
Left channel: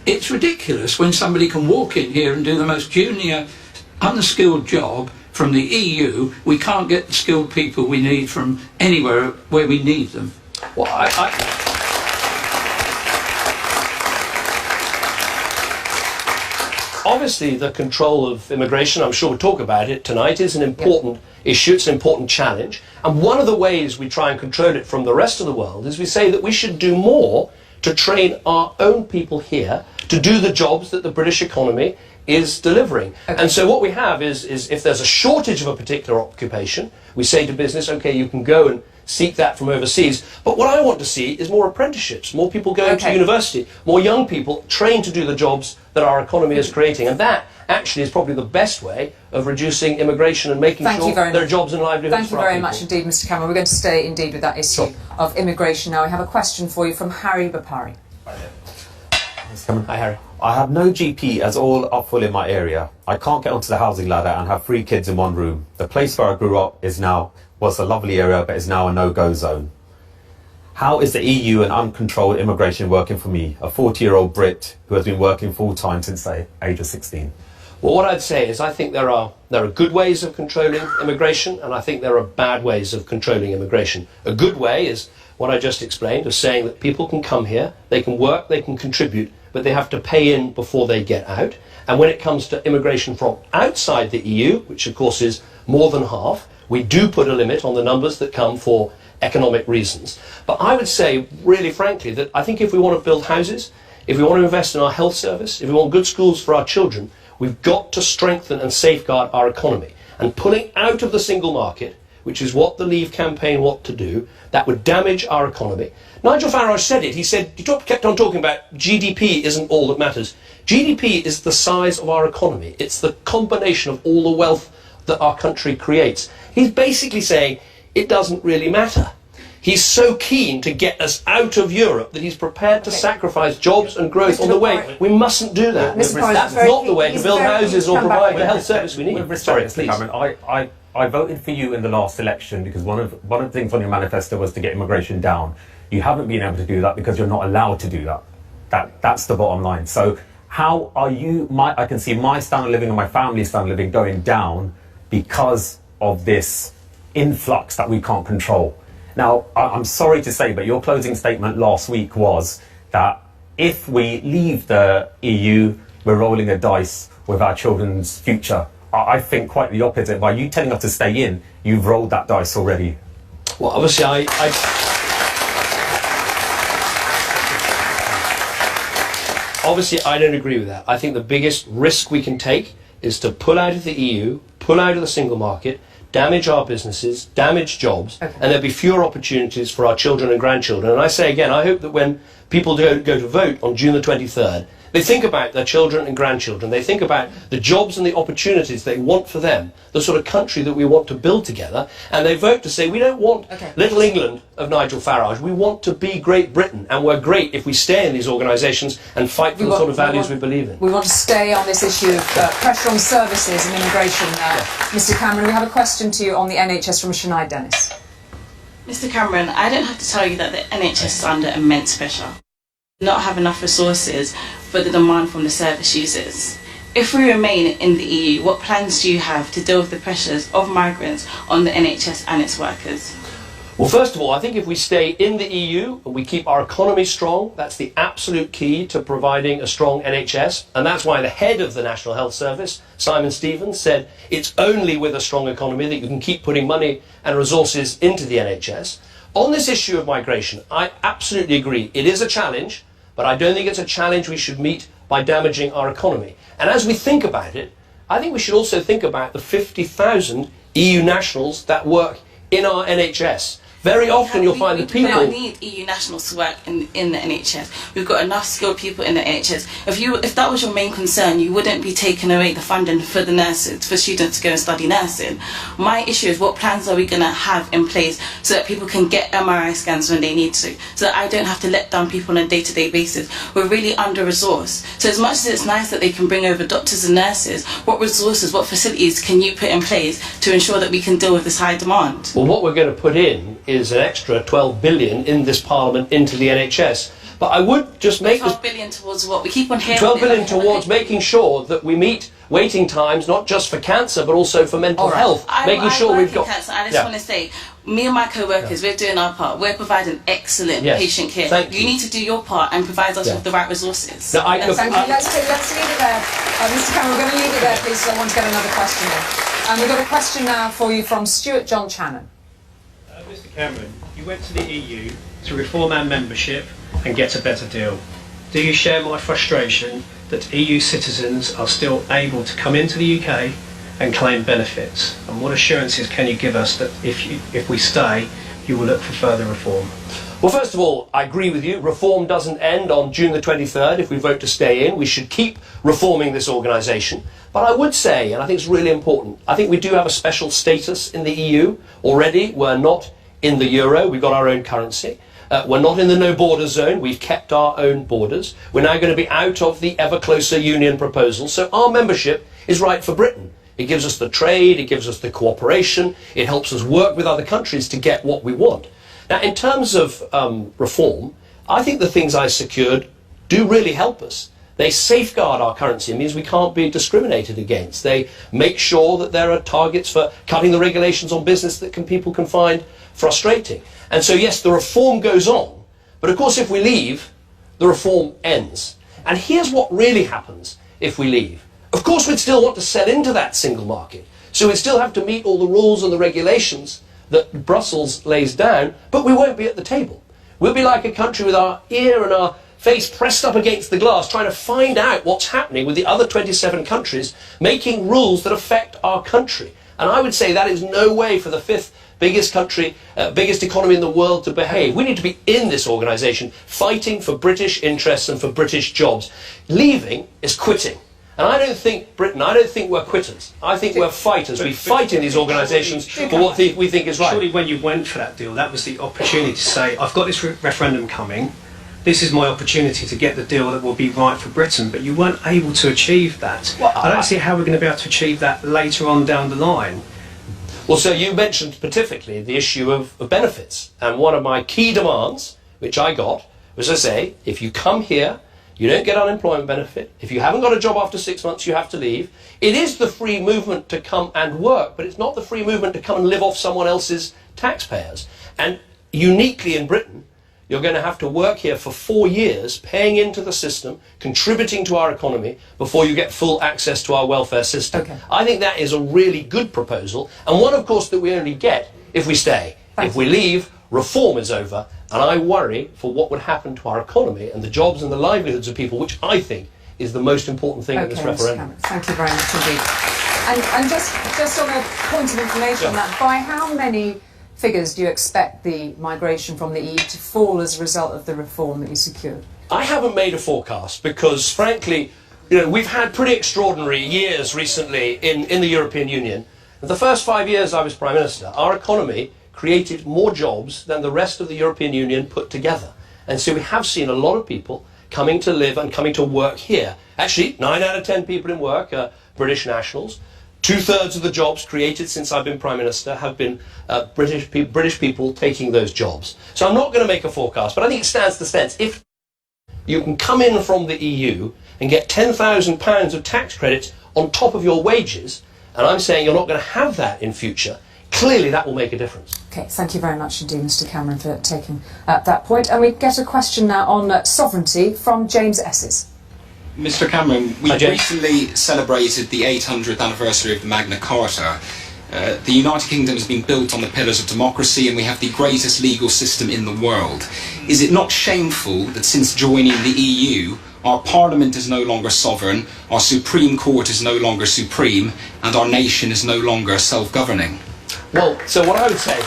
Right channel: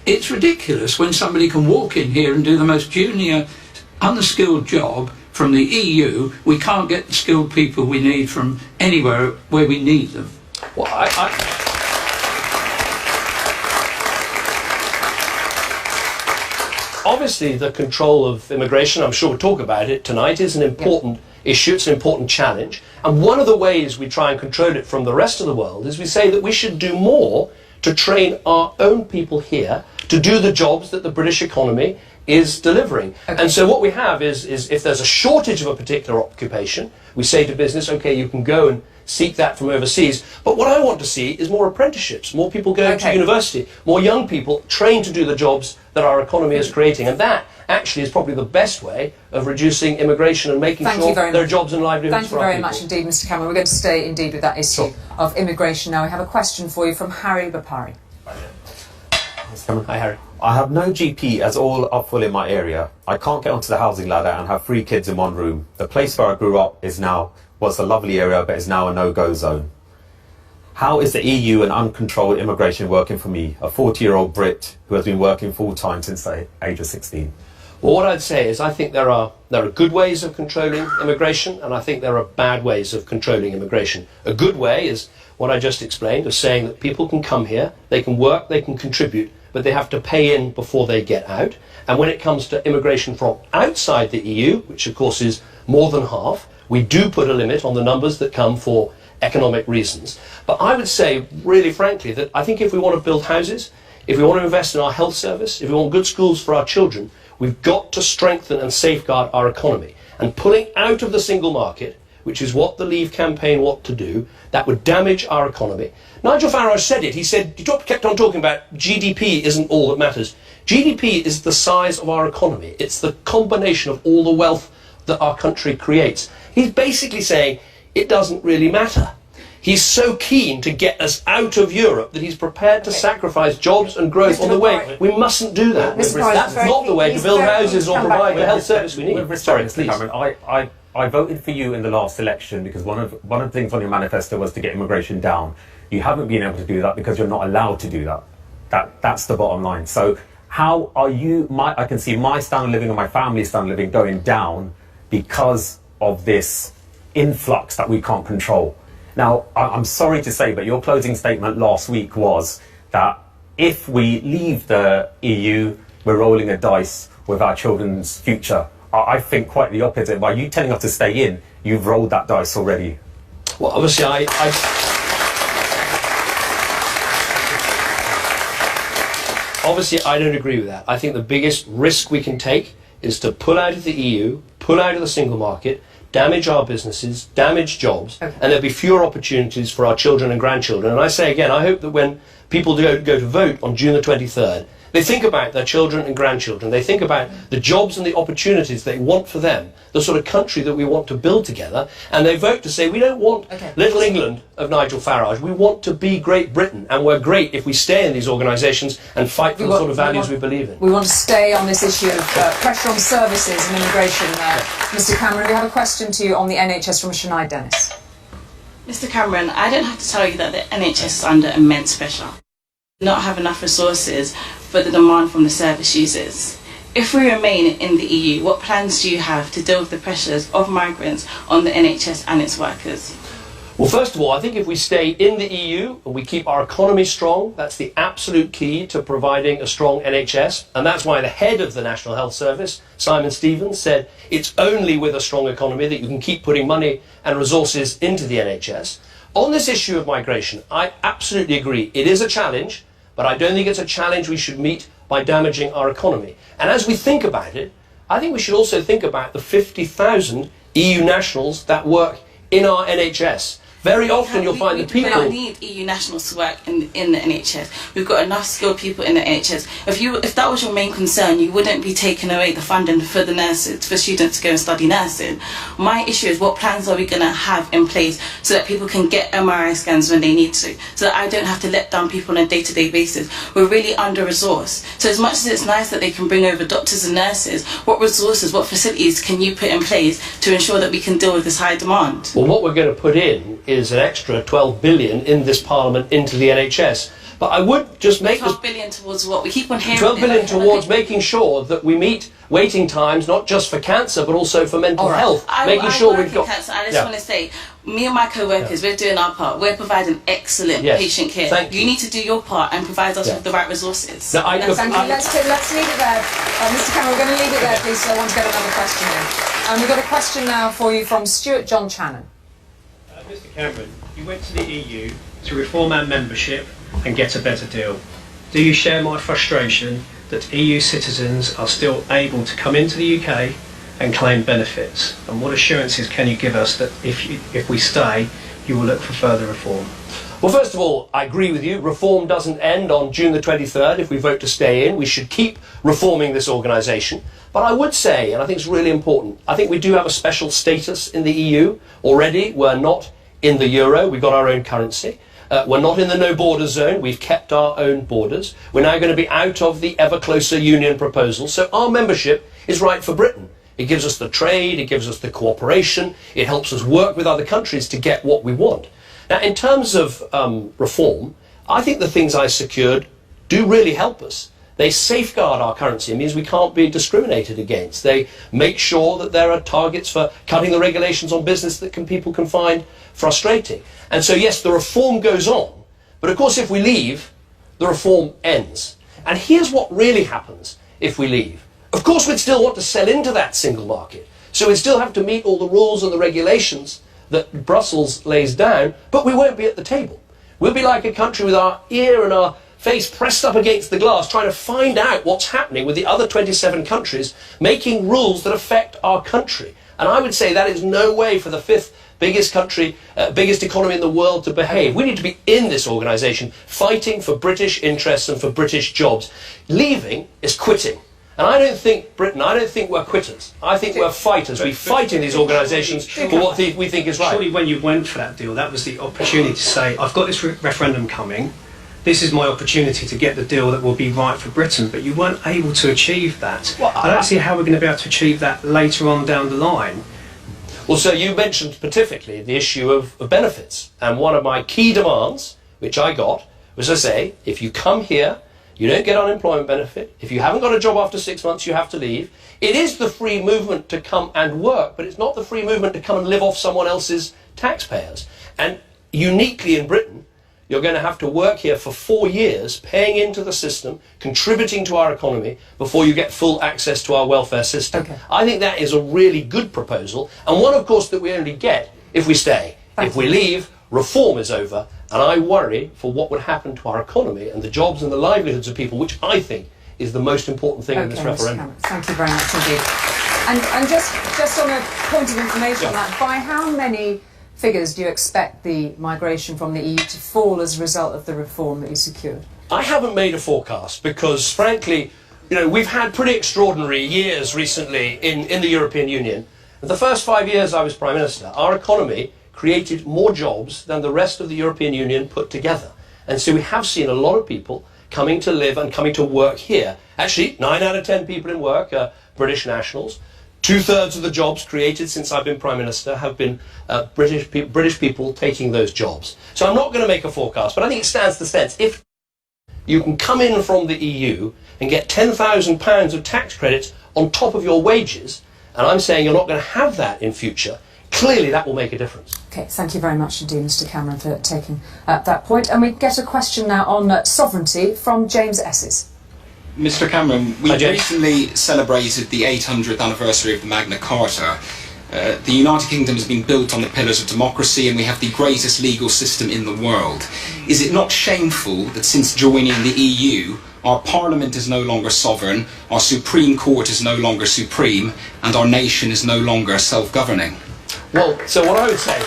It's ridiculous when somebody can walk in here and do the most junior, unskilled job from the EU. We can't get the skilled people we need from anywhere where we need them. Well, obviously, the control of immigration, I'm sure we'll talk about it tonight, is an important issue, it's an important challenge. And one of the ways we try and control it from the rest of the world is we say that we should do more to train our own people here to do the jobs that the British economy is delivering. And so what we have is if there's a shortage of a particular occupation, we say to business, okay, you can go and seek that from overseas. But what I want to see is more apprenticeships, more people going to university, more young people trained to do the jobs that our economy is creating. And that actually is probably the best way of reducing immigration and making sure there are jobs and livelihoods Thank you for our very people. much indeed, Mr Cameron. We're going to stay indeed with that issue of immigration now. We have a question for you from Harry Bapari. Hi, Harry. I have no GP as all are full in my area. I can't get onto the housing ladder and have 3 kids in one room. The place where I grew up was a lovely area, but is now a no-go zone. How is the EU and uncontrolled immigration working for me, a 40-year-old Brit who has been working full-time since the age of 16? Well, what I'd say is I think there are good ways of controlling immigration, and I think there are bad ways of controlling immigration. A good way is what I just explained, of saying that people can come here, they can work, they can contribute, but they have to pay in before they get out. And when it comes to immigration from outside the EU, which of course is more than half, we do put a limit on the numbers that come for economic reasons. But I would say, really frankly, that I think if we want to build houses, if we want to invest in our health service, if we want good schools for our children, we've got to strengthen and safeguard our economy. And pulling out of the single market, which is what the Leave campaign want to do, that would damage our economy. Nigel Farage said it. He kept on talking about GDP isn't all that matters. GDP is the size of our economy. It's the combination of all the wealth that our country creates. He's basically saying it doesn't really matter. He's so keen to get us out of Europe that he's prepared to sacrifice jobs and growth on the way. We mustn't do that. That's not the way to build houses or provide the health service we need. Sorry, Mr. Cameron, I voted for you in the last election because one of the things on your manifesto was to get immigration down. You haven't been able to do that because you're not allowed to do that. That's the bottom line. So how are you, I can see my standard of living and my family's standard of living going down because of this influx that we can't control. Now, I'm sorry to say, but your closing statement last week was that if we leave the EU, we're rolling a dice with our children's future. I think quite the opposite. By you telling us to stay in, you've rolled that dice already. Well, obviously, Obviously, I don't agree with that. I think the biggest risk we can take is to pull out of the EU, pull out of the single market, damage our businesses, damage jobs, and there'll be fewer opportunities for our children and grandchildren. And I say again, I hope that when people go to vote on June the 23rd, they think about their children and grandchildren. They think about the jobs and the opportunities they want for them, the sort of country that we want to build together, and they vote to say, we don't want little England of Nigel Farage. We want to be Great Britain, and we're great if we stay in these organisations and fight for the sort of values we believe in. We want to stay on this issue of pressure on services and immigration. Mr Cameron, we have a question to you on the NHS from Shania Dennis. Mr Cameron, I don't have to tell you that the NHS is under immense pressure. Not have enough resources for the demand from the service users. If we remain in the EU, what plans do you have to deal with the pressures of migrants on the NHS and its workers? Well, first of all, I think if we stay in the EU and we keep our economy strong, that's the absolute key to providing a strong NHS. And that's why the head of the National Health Service, Simon Stevens, said it's only with a strong economy that you can keep putting money and resources into the NHS. On this issue of migration, I absolutely agree. It is a challenge, but I don't think it's a challenge we should meet by damaging our economy. And as we think about it, I think we should also think about the 50,000 EU nationals that work in our NHS. Very often you'll find that people... We don't need EU nationals to work in the NHS. We've got enough skilled people in the NHS. If that was your main concern, you wouldn't be taking away the funding for the nurses, for students to go and study nursing. My issue is what plans are we going to have in place so that people can get MRI scans when they need to, so that I don't have to let down people on a day-to-day basis. We're really under-resourced. So as much as it's nice that they can bring over doctors and nurses, what resources, what facilities can you put in place to ensure that we can deal with this high demand? Well, what we're going to put in is an extra 12 billion in this Parliament into the NHS. But I would just make 12 billion towards what? We keep on hearing 12 billion towards making sure that we meet waiting times, not just for cancer, but also for mental health. Making sure we've got... Cancer. I just want to say, me and my co-workers, we're doing our part. We're providing excellent patient care. Thank you need to do your part and provide us with the right resources. Thank you. Let's leave it there. Mr Cameron, we're going to leave it there, please, so I want to get another question in. We've got a question now for you from Stuart John Channon. Mr Cameron, you went to the EU to reform our membership and get a better deal. do you share my frustration that EU citizens are still able to come into the UK and claim benefits? And what assurances can you give us that if we stay, you will look for further reform? Well, first of all, I agree with you. Reform doesn't end on June the 23rd if we vote to stay in. We should keep reforming this organisation. But I would say, and I think it's really important, I think we do have a special status in the EU already. We're not in the euro. We've got our own currency. We're not in the no-border zone. We've kept our own borders. We're now going to be out of the ever-closer union proposal. So our membership is right for Britain. It gives us the trade. It gives us the cooperation. It helps us work with other countries to get what we want. Now, in terms of reform, I think the things I secured do really help us. They safeguard our currency. It means we can't be discriminated against. They make sure that there are targets for cutting the regulations on business that people can find frustrating. And so, yes, the reform goes on. But, of course, if we leave, the reform ends. And here's what really happens if we leave. Of course, we'd still want to sell into that single market. So we'd still have to meet all the rules and the regulations that Brussels lays down, but we won't be at the table. We'll be like a country with our ear and our face pressed up against the glass, trying to find out what's happening with the other 27 countries, making rules that affect our country. And I would say that is no way for the fifth biggest country, biggest economy in the world to behave. We need to be in this organisation, fighting for British interests and for British jobs. Leaving is quitting. And I don't think we're quitters. I think we're fighters. We fight in these organisations for what we think is right. Surely when you went for that deal, that was the opportunity to say, I've got this referendum coming. This is my opportunity to get the deal that will be right for Britain. But you weren't able to achieve that. Well, I don't see how we're going to be able to achieve that later on down the line. Well, sir, you mentioned specifically the issue of benefits. And one of my key demands, which I got, was to say, if you come here, you don't get unemployment benefit. If you haven't got a job after 6 months, you have to leave. It is the free movement to come and work, but it's not the free movement to come and live off someone else's taxpayers. And uniquely in Britain, you're going to have to work here for 4 years, paying into the system, contributing to our economy, before you get full access to our welfare system. Okay. I think that is a really good proposal, and one, of course, that we only get if we stay. If we leave, reform is over, and I worry for what would happen to our economy and the jobs and the livelihoods of people, which I think is the most important thing in this referendum. Thank you very much indeed. And just on a point of information on that, by how many figures do you expect the migration from the EU to fall as a result of the reform that you secured? I haven't made a forecast because, frankly, we've had pretty extraordinary years recently in the European Union. The first 5 years I was Prime Minister, our economy created more jobs than the rest of the European Union put together. And so we have seen a lot of people coming to live and coming to work here. Actually, 9 out of 10 people in work are British nationals. 2/3 of the jobs created since I've been Prime Minister have been British people taking those jobs. So I'm not going to make a forecast, but I think it stands to sense. If you can come in from the EU and get £10,000 of tax credits on top of your wages, and I'm saying you're not going to have that in future, clearly that will make a difference. OK, thank you very much indeed, Mr Cameron, for taking that point. And we get a question now on sovereignty from James Esses. Mr Cameron, we recently celebrated the 800th anniversary of the Magna Carta. The United Kingdom has been built on the pillars of democracy, and we have the greatest legal system in the world. Is it not shameful that since joining the EU, our Parliament is no longer sovereign, our Supreme Court is no longer supreme, and our nation is no longer self-governing? Well, so what I would say,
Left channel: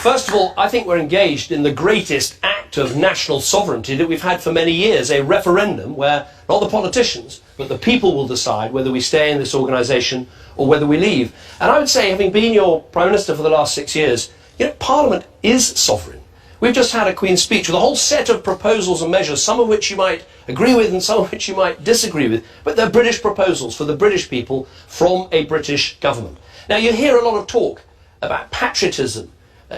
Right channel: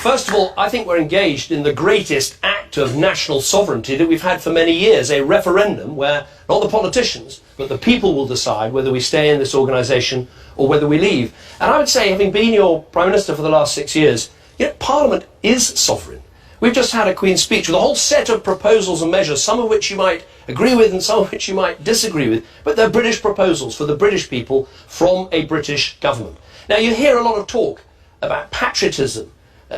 first of all, I think we're engaged in the greatest act of national sovereignty that we've had for many years, a referendum where not the politicians, but the people will decide whether we stay in this organisation or whether we leave. And I would say, having been your Prime Minister for the last 6 years, Parliament is sovereign. We've just had a Queen's speech with a whole set of proposals and measures, some of which you might agree with and some of which you might disagree with, but they're British proposals for the British people from a British government. Now, you hear a lot of talk about patriotism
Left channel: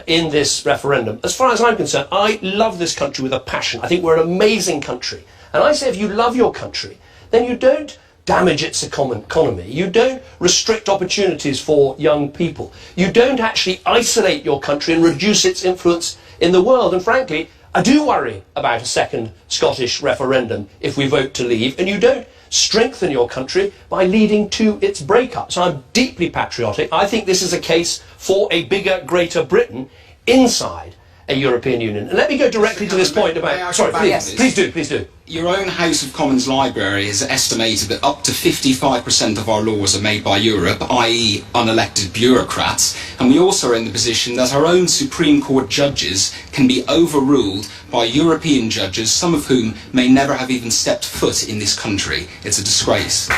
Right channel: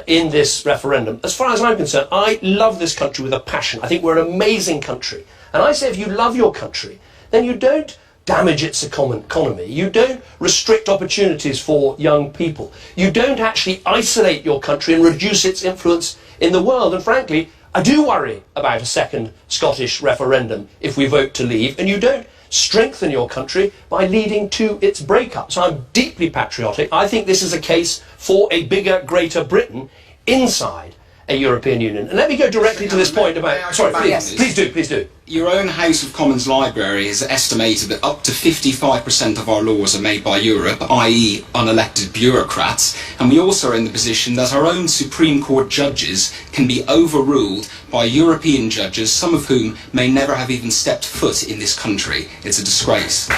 in this referendum. As far as I'm concerned, I love this country with a passion. I think we're an amazing country. And I say if you love your country, then you don't damage its economy. You don't restrict opportunities for young people. You don't actually isolate your country and reduce its influence in the world. And frankly, I do worry about a second Scottish referendum if we vote to leave. And you don't strengthen your country by leading to its breakup. So I'm deeply patriotic. I think this is a case for a bigger, greater Britain inside a European Union. And let me go directly to this point about... Sorry, please do. Your own House of Commons library has estimated that up to 55% of our laws are made by Europe, i.e. unelected bureaucrats, and we also are in the position that our own Supreme Court judges can be overruled by European judges, some of whom may never have even stepped foot in this country. It's a disgrace.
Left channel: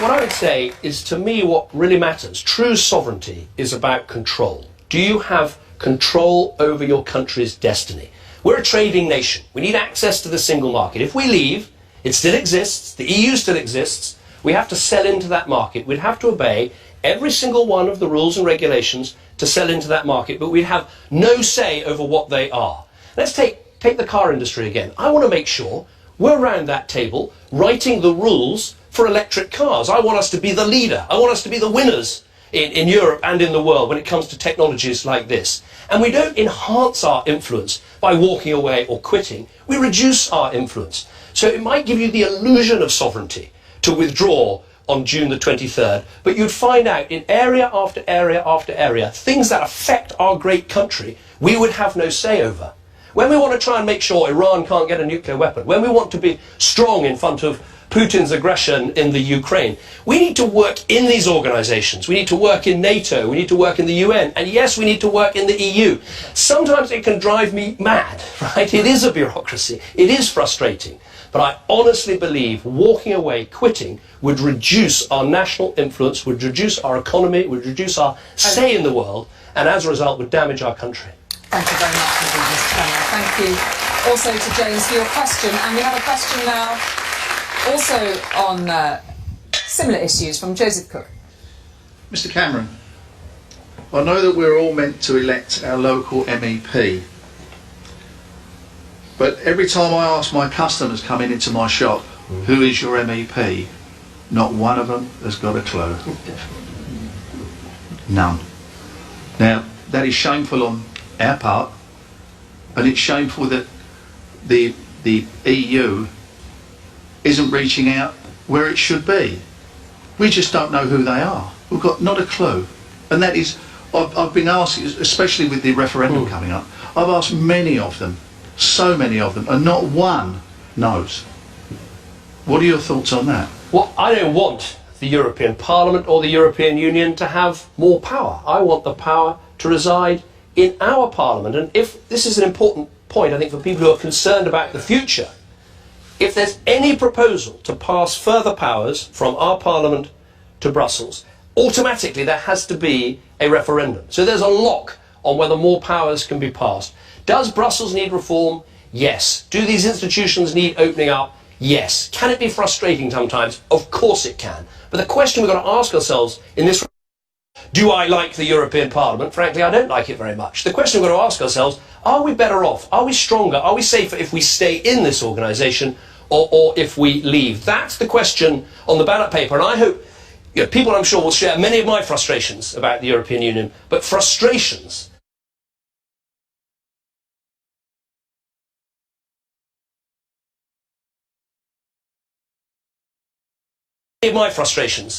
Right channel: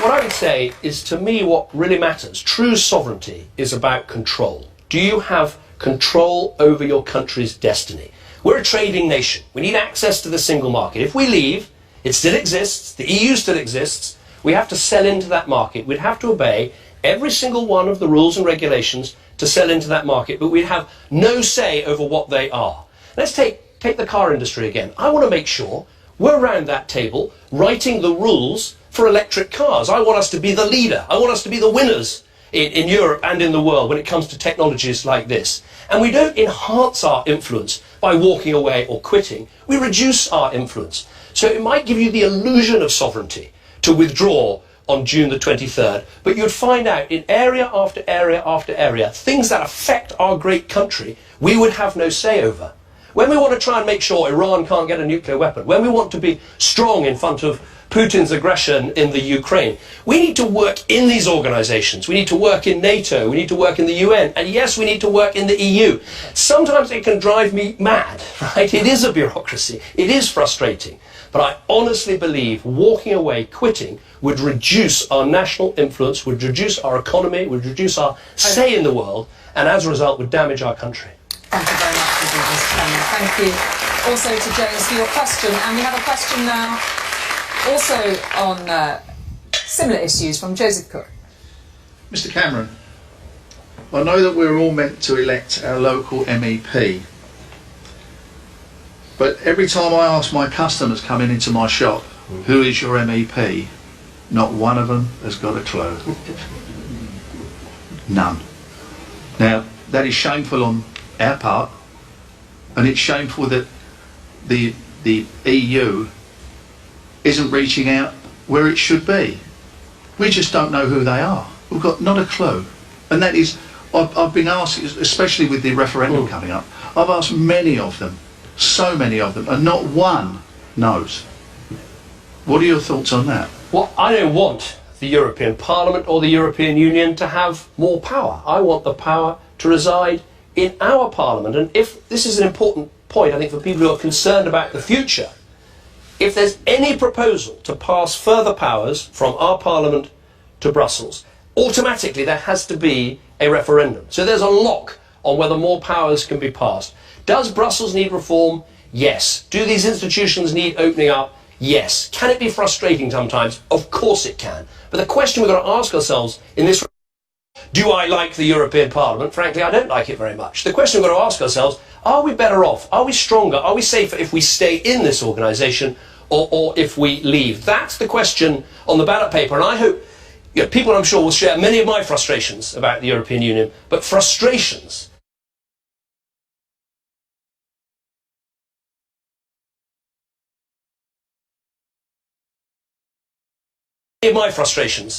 What I would say is, to me, what really matters, true sovereignty, is about control. Do you have control over your country's destiny? We're a trading nation. We need access to the single market. If we leave, it still exists, the EU still exists, we have to sell into that market. We'd have to obey every single one of the rules and regulations to sell into that market, but we'd have no say over what they are. Let's take the car industry again. I want to make sure we're round that table writing the rules for electric cars. I want us to be the leader. I want us to be the winners in Europe and in the world when it comes to technologies like this. And we don't enhance our influence by walking away or quitting. We reduce our influence. So it might give you the illusion of sovereignty to withdraw on June the 23rd, but you'd find out in area after area after area, things that affect our great country, we would have no say over. When we want to try and make sure Iran can't get a nuclear weapon, when we want to be strong in front of Putin's aggression in the Ukraine, we need to work in these organisations. We need to work in NATO. We need to work in the UN. And yes, we need to work in the EU. Sometimes it can drive me mad, right? It is a bureaucracy. It is frustrating. But I honestly believe walking away, quitting, would reduce our national influence, would reduce our economy, would reduce our say in the world, and as a result would damage our country. Thank you very much indeed, Mr. Cameron. Thank you also to James for your question. And we have a question now also on similar issues from Joseph Cook. Mr. Cameron, I know that we're all meant to elect our local MEP, but every time I ask my customers coming into my shop, who is your MEP, not one of them has got a clue. None. Now, that is shameful on our part, and it's shameful that the EU isn't reaching out where it should be. We just don't know who they are. We've got not a clue. And that is, I've been asked, especially with the referendum coming up, I've asked many of them, so many of them, and not one knows. What are your thoughts on that? Well, I don't want the European Parliament or the European Union to have more power. I want the power to reside in our Parliament. And if this is an important point, I think, for people who are concerned about the future, if there's any proposal to pass further powers from our Parliament to Brussels, automatically there has to be a referendum. So there's a lock on whether more powers can be passed. Does Brussels need reform? Yes. Do these institutions need opening up? Yes. Can it be frustrating sometimes? Of course it can. But the question we've got to ask ourselves in this: do I like the European Parliament? Frankly, I don't like it very much. The question we've got to ask ourselves: are we better off? Are we stronger? Are we safer if we stay in this organisation or if we leave? That's the question on the ballot paper, and I hope people, I'm sure, will share many of my frustrations about the European Union, but frustrations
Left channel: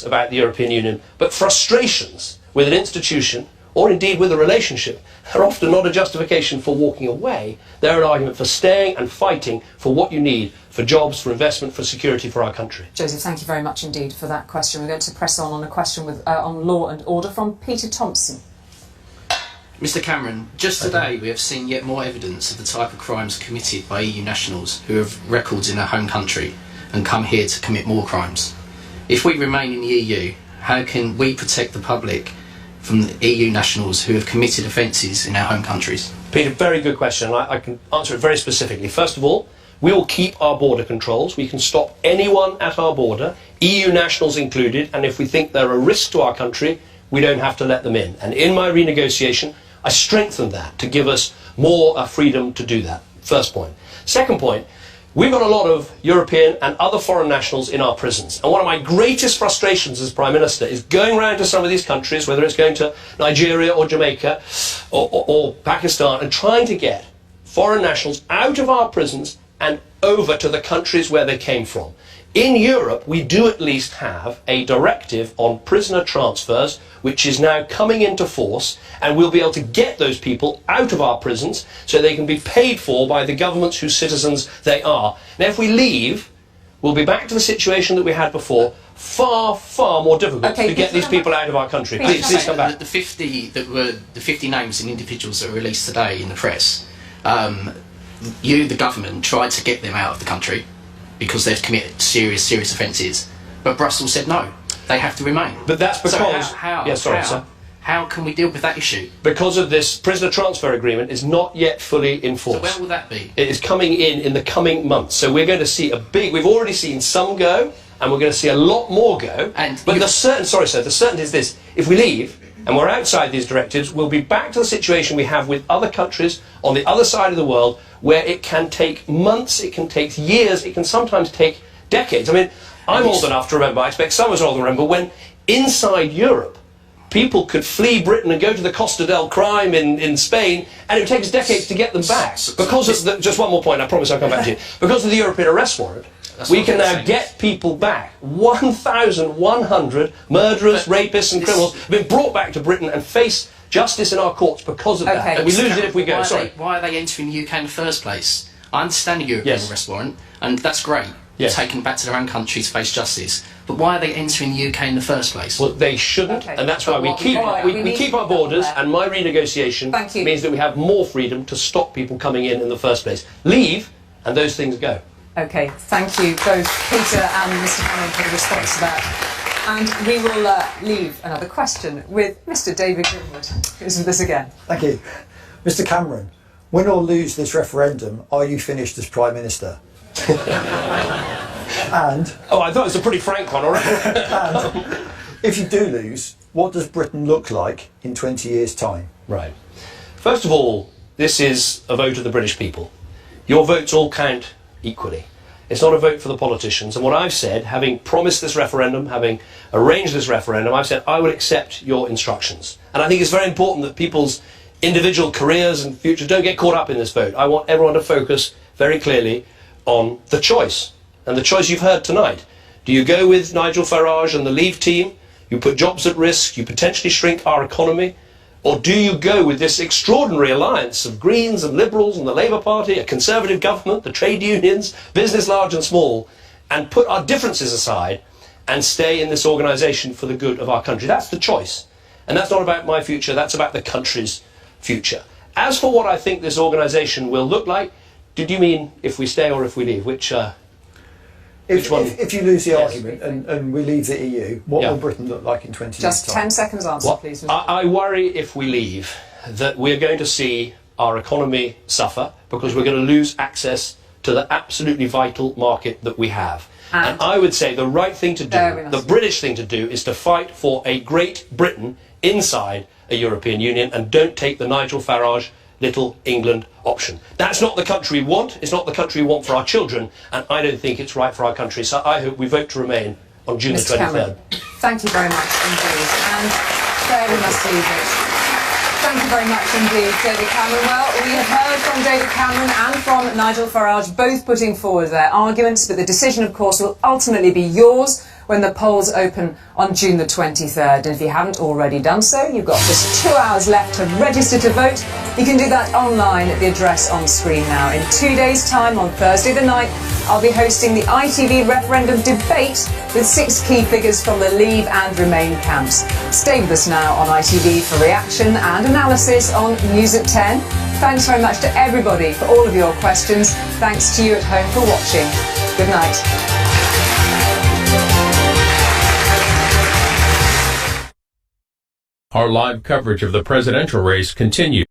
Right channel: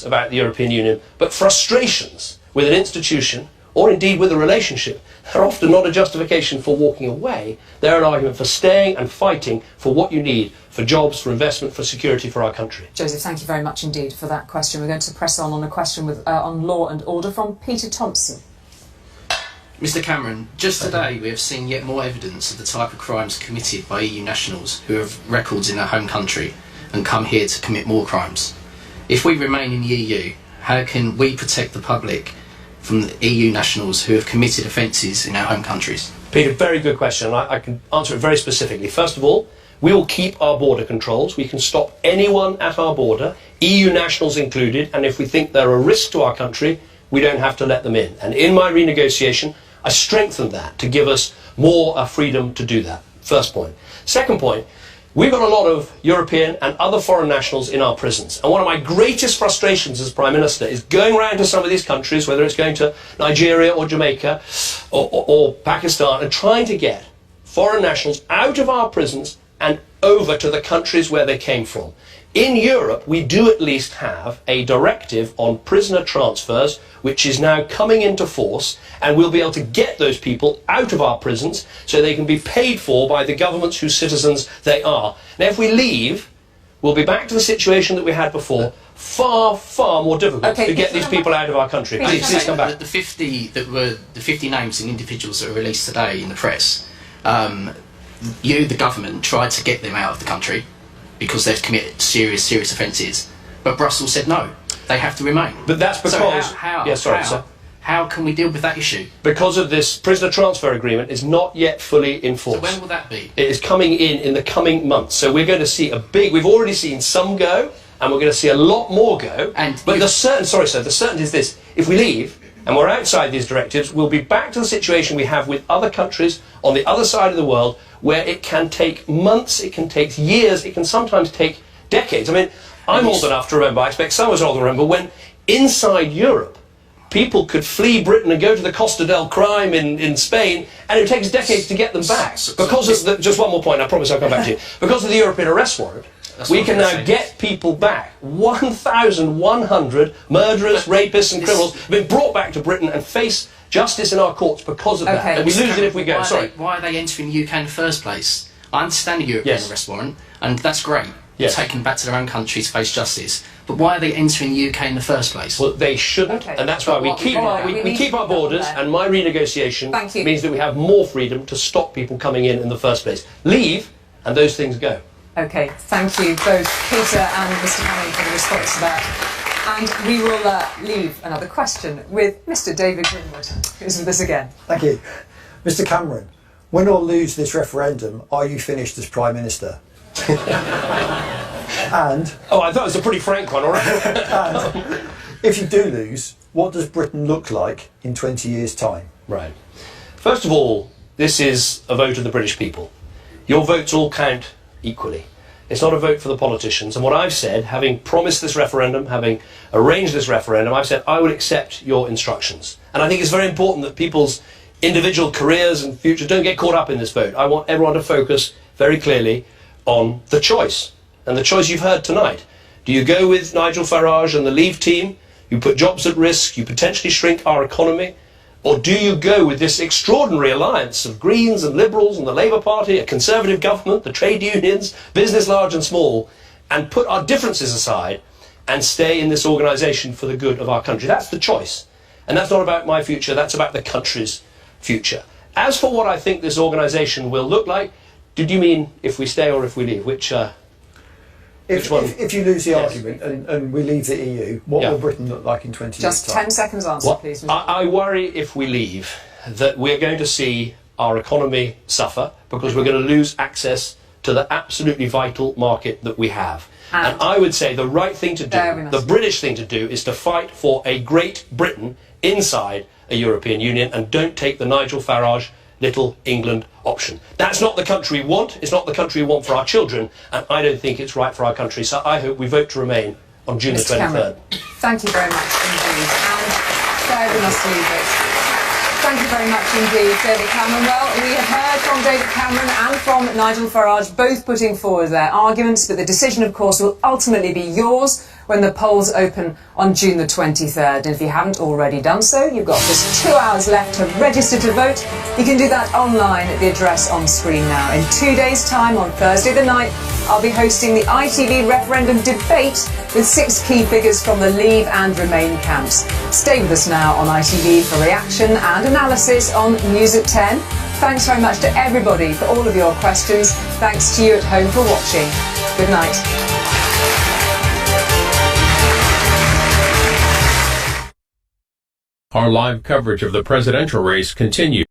about the European Union, but frustrations with an institution, or indeed with a relationship, are often not a justification for walking away. They're an argument for staying and fighting for what you need, for jobs, for investment, for security for our country. Joseph, thank you very much indeed for that question. We're going to press on a question with, on law and order from Peter Thompson. Mr Cameron, just today we have seen yet more evidence of the type of crimes committed by EU nationals who have records in their home country and come here to commit more crimes. If we remain in the EU, how can we protect the public from the EU nationals who have committed offences in our home countries? Peter, very good question. I can answer it very specifically. First of all, we will keep our border controls. We can stop anyone at our border, EU nationals included, and if we think they're a risk to our country, we don't have to let them in. And in my renegotiation, I strengthened that to give us more freedom to do that. First point. Second point, we've got a lot of European and other foreign nationals in our prisons. And one of my greatest frustrations as Prime Minister is going around to some of these countries, whether it's going to Nigeria or Jamaica or Pakistan, and trying to get foreign nationals out of our prisons and over to the countries where they came from. In Europe, we do at least have a directive on prisoner transfers, which is now coming into force, and we'll be able to get those people out of our prisons so they can be paid for by the governments whose citizens they are. Now, if we leave, we'll be back to the situation that we had before, far, far more difficult to get these people out of our country. Please come back. The 50 names and individuals that were released today in the press, the government, tried to get them out of the country because they've committed serious offences, but Brussels said no, they have to remain. But that's because... So how can we deal with that issue? Because of this prisoner transfer agreement is not yet fully enforced. So when will that be? It is coming in the coming months. So we're going to see we've already seen some go, and we're going to see a lot more go. But the certainty is this: if we leave and we're outside these directives, we'll be back to the situation we have with other countries on the other side of the world, where it can take months, it can take years, it can sometimes take decades. I mean, I'm old enough to remember, I expect some of us are old enough to remember, when inside Europe, people could flee Britain and go to the Costa del Crime in Spain, and it would take us decades to get them back. Because of just one more point, I promise I'll come back to you. Because of the European arrest warrant, we can now get people back. 1,100 murderers, rapists and criminals have been brought back to Britain and face justice in our courts because of that. And we lose it if we go. Why are they entering the UK in the first place? I understand the European arrest warrant, and that's great. Taken back to their own country to face justice. But why are they entering the UK in the first place? Well, they shouldn't, and that's why we keep our borders, and my renegotiation means that we have more freedom to stop people coming in the first place. Leave, and those things go. OK, thank you both, Peter and Mr Cameron, for the response to that. And we will leave another question with Mr David Grimwood, who's with us again. Thank you. Mr Cameron, win or lose this referendum, are you finished as Prime Minister? And... Oh, I thought it was a pretty frank one, all right. And if you do lose, what does Britain look like in 20 years' time? Right. First of all, this is a vote of the British people. Your votes all count equally. It's not a vote for the politicians. And what I've said, having promised this referendum, having arranged this referendum, I've said I would accept your instructions. And I think it's very important that people's individual careers and future don't get caught up in this vote. I want everyone to focus very clearly on the choice. And the choice you've heard tonight. Do you go with Nigel Farage and the Leave team? You put jobs at risk, you potentially shrink our economy? Or do you go with this extraordinary alliance of Greens and Liberals and the Labour Party, a Conservative government, the trade unions, business large and small, and put our differences aside and stay in this organisation for the good of our country? That's the choice. And that's not about my future, that's about the country's future. As for what I think this organisation will look like, did you mean if we stay or if we leave? Which one? If you lose the argument and we leave the EU, what will Britain look like in 20 years' time? Just 10 seconds answer, please. I worry if we leave that we're going to see our economy suffer because we're going to lose access to the absolutely vital market that we have. And I would say the right thing to do, the British thing to do, is to fight for a Great Britain inside a European Union and don't take the Nigel Farage Little England option. That's not the country we want, it's not the country we want for our children, and I don't think it's right for our country. So I hope we vote to remain on June the 23rd. Cameron, thank you very much indeed. And there we must leave it. Thank you very much indeed, David Cameron. Well, we have heard from David Cameron and from Nigel Farage, both putting forward their arguments, but the decision, of course, will ultimately be yours when the polls open on June the 23rd. And if you haven't already done so, you've got just 2 hours left to register to vote. You can do that online at the address on screen now. In 2 days' time, on Thursday the 9th, I'll be hosting the ITV referendum debate with 6 key figures from the Leave and Remain camps. Stay with us now on ITV for reaction and analysis on News at 10. Thanks very much to everybody for all of your questions. Thanks to you at home for watching. Good night. Our live coverage of the presidential race continues.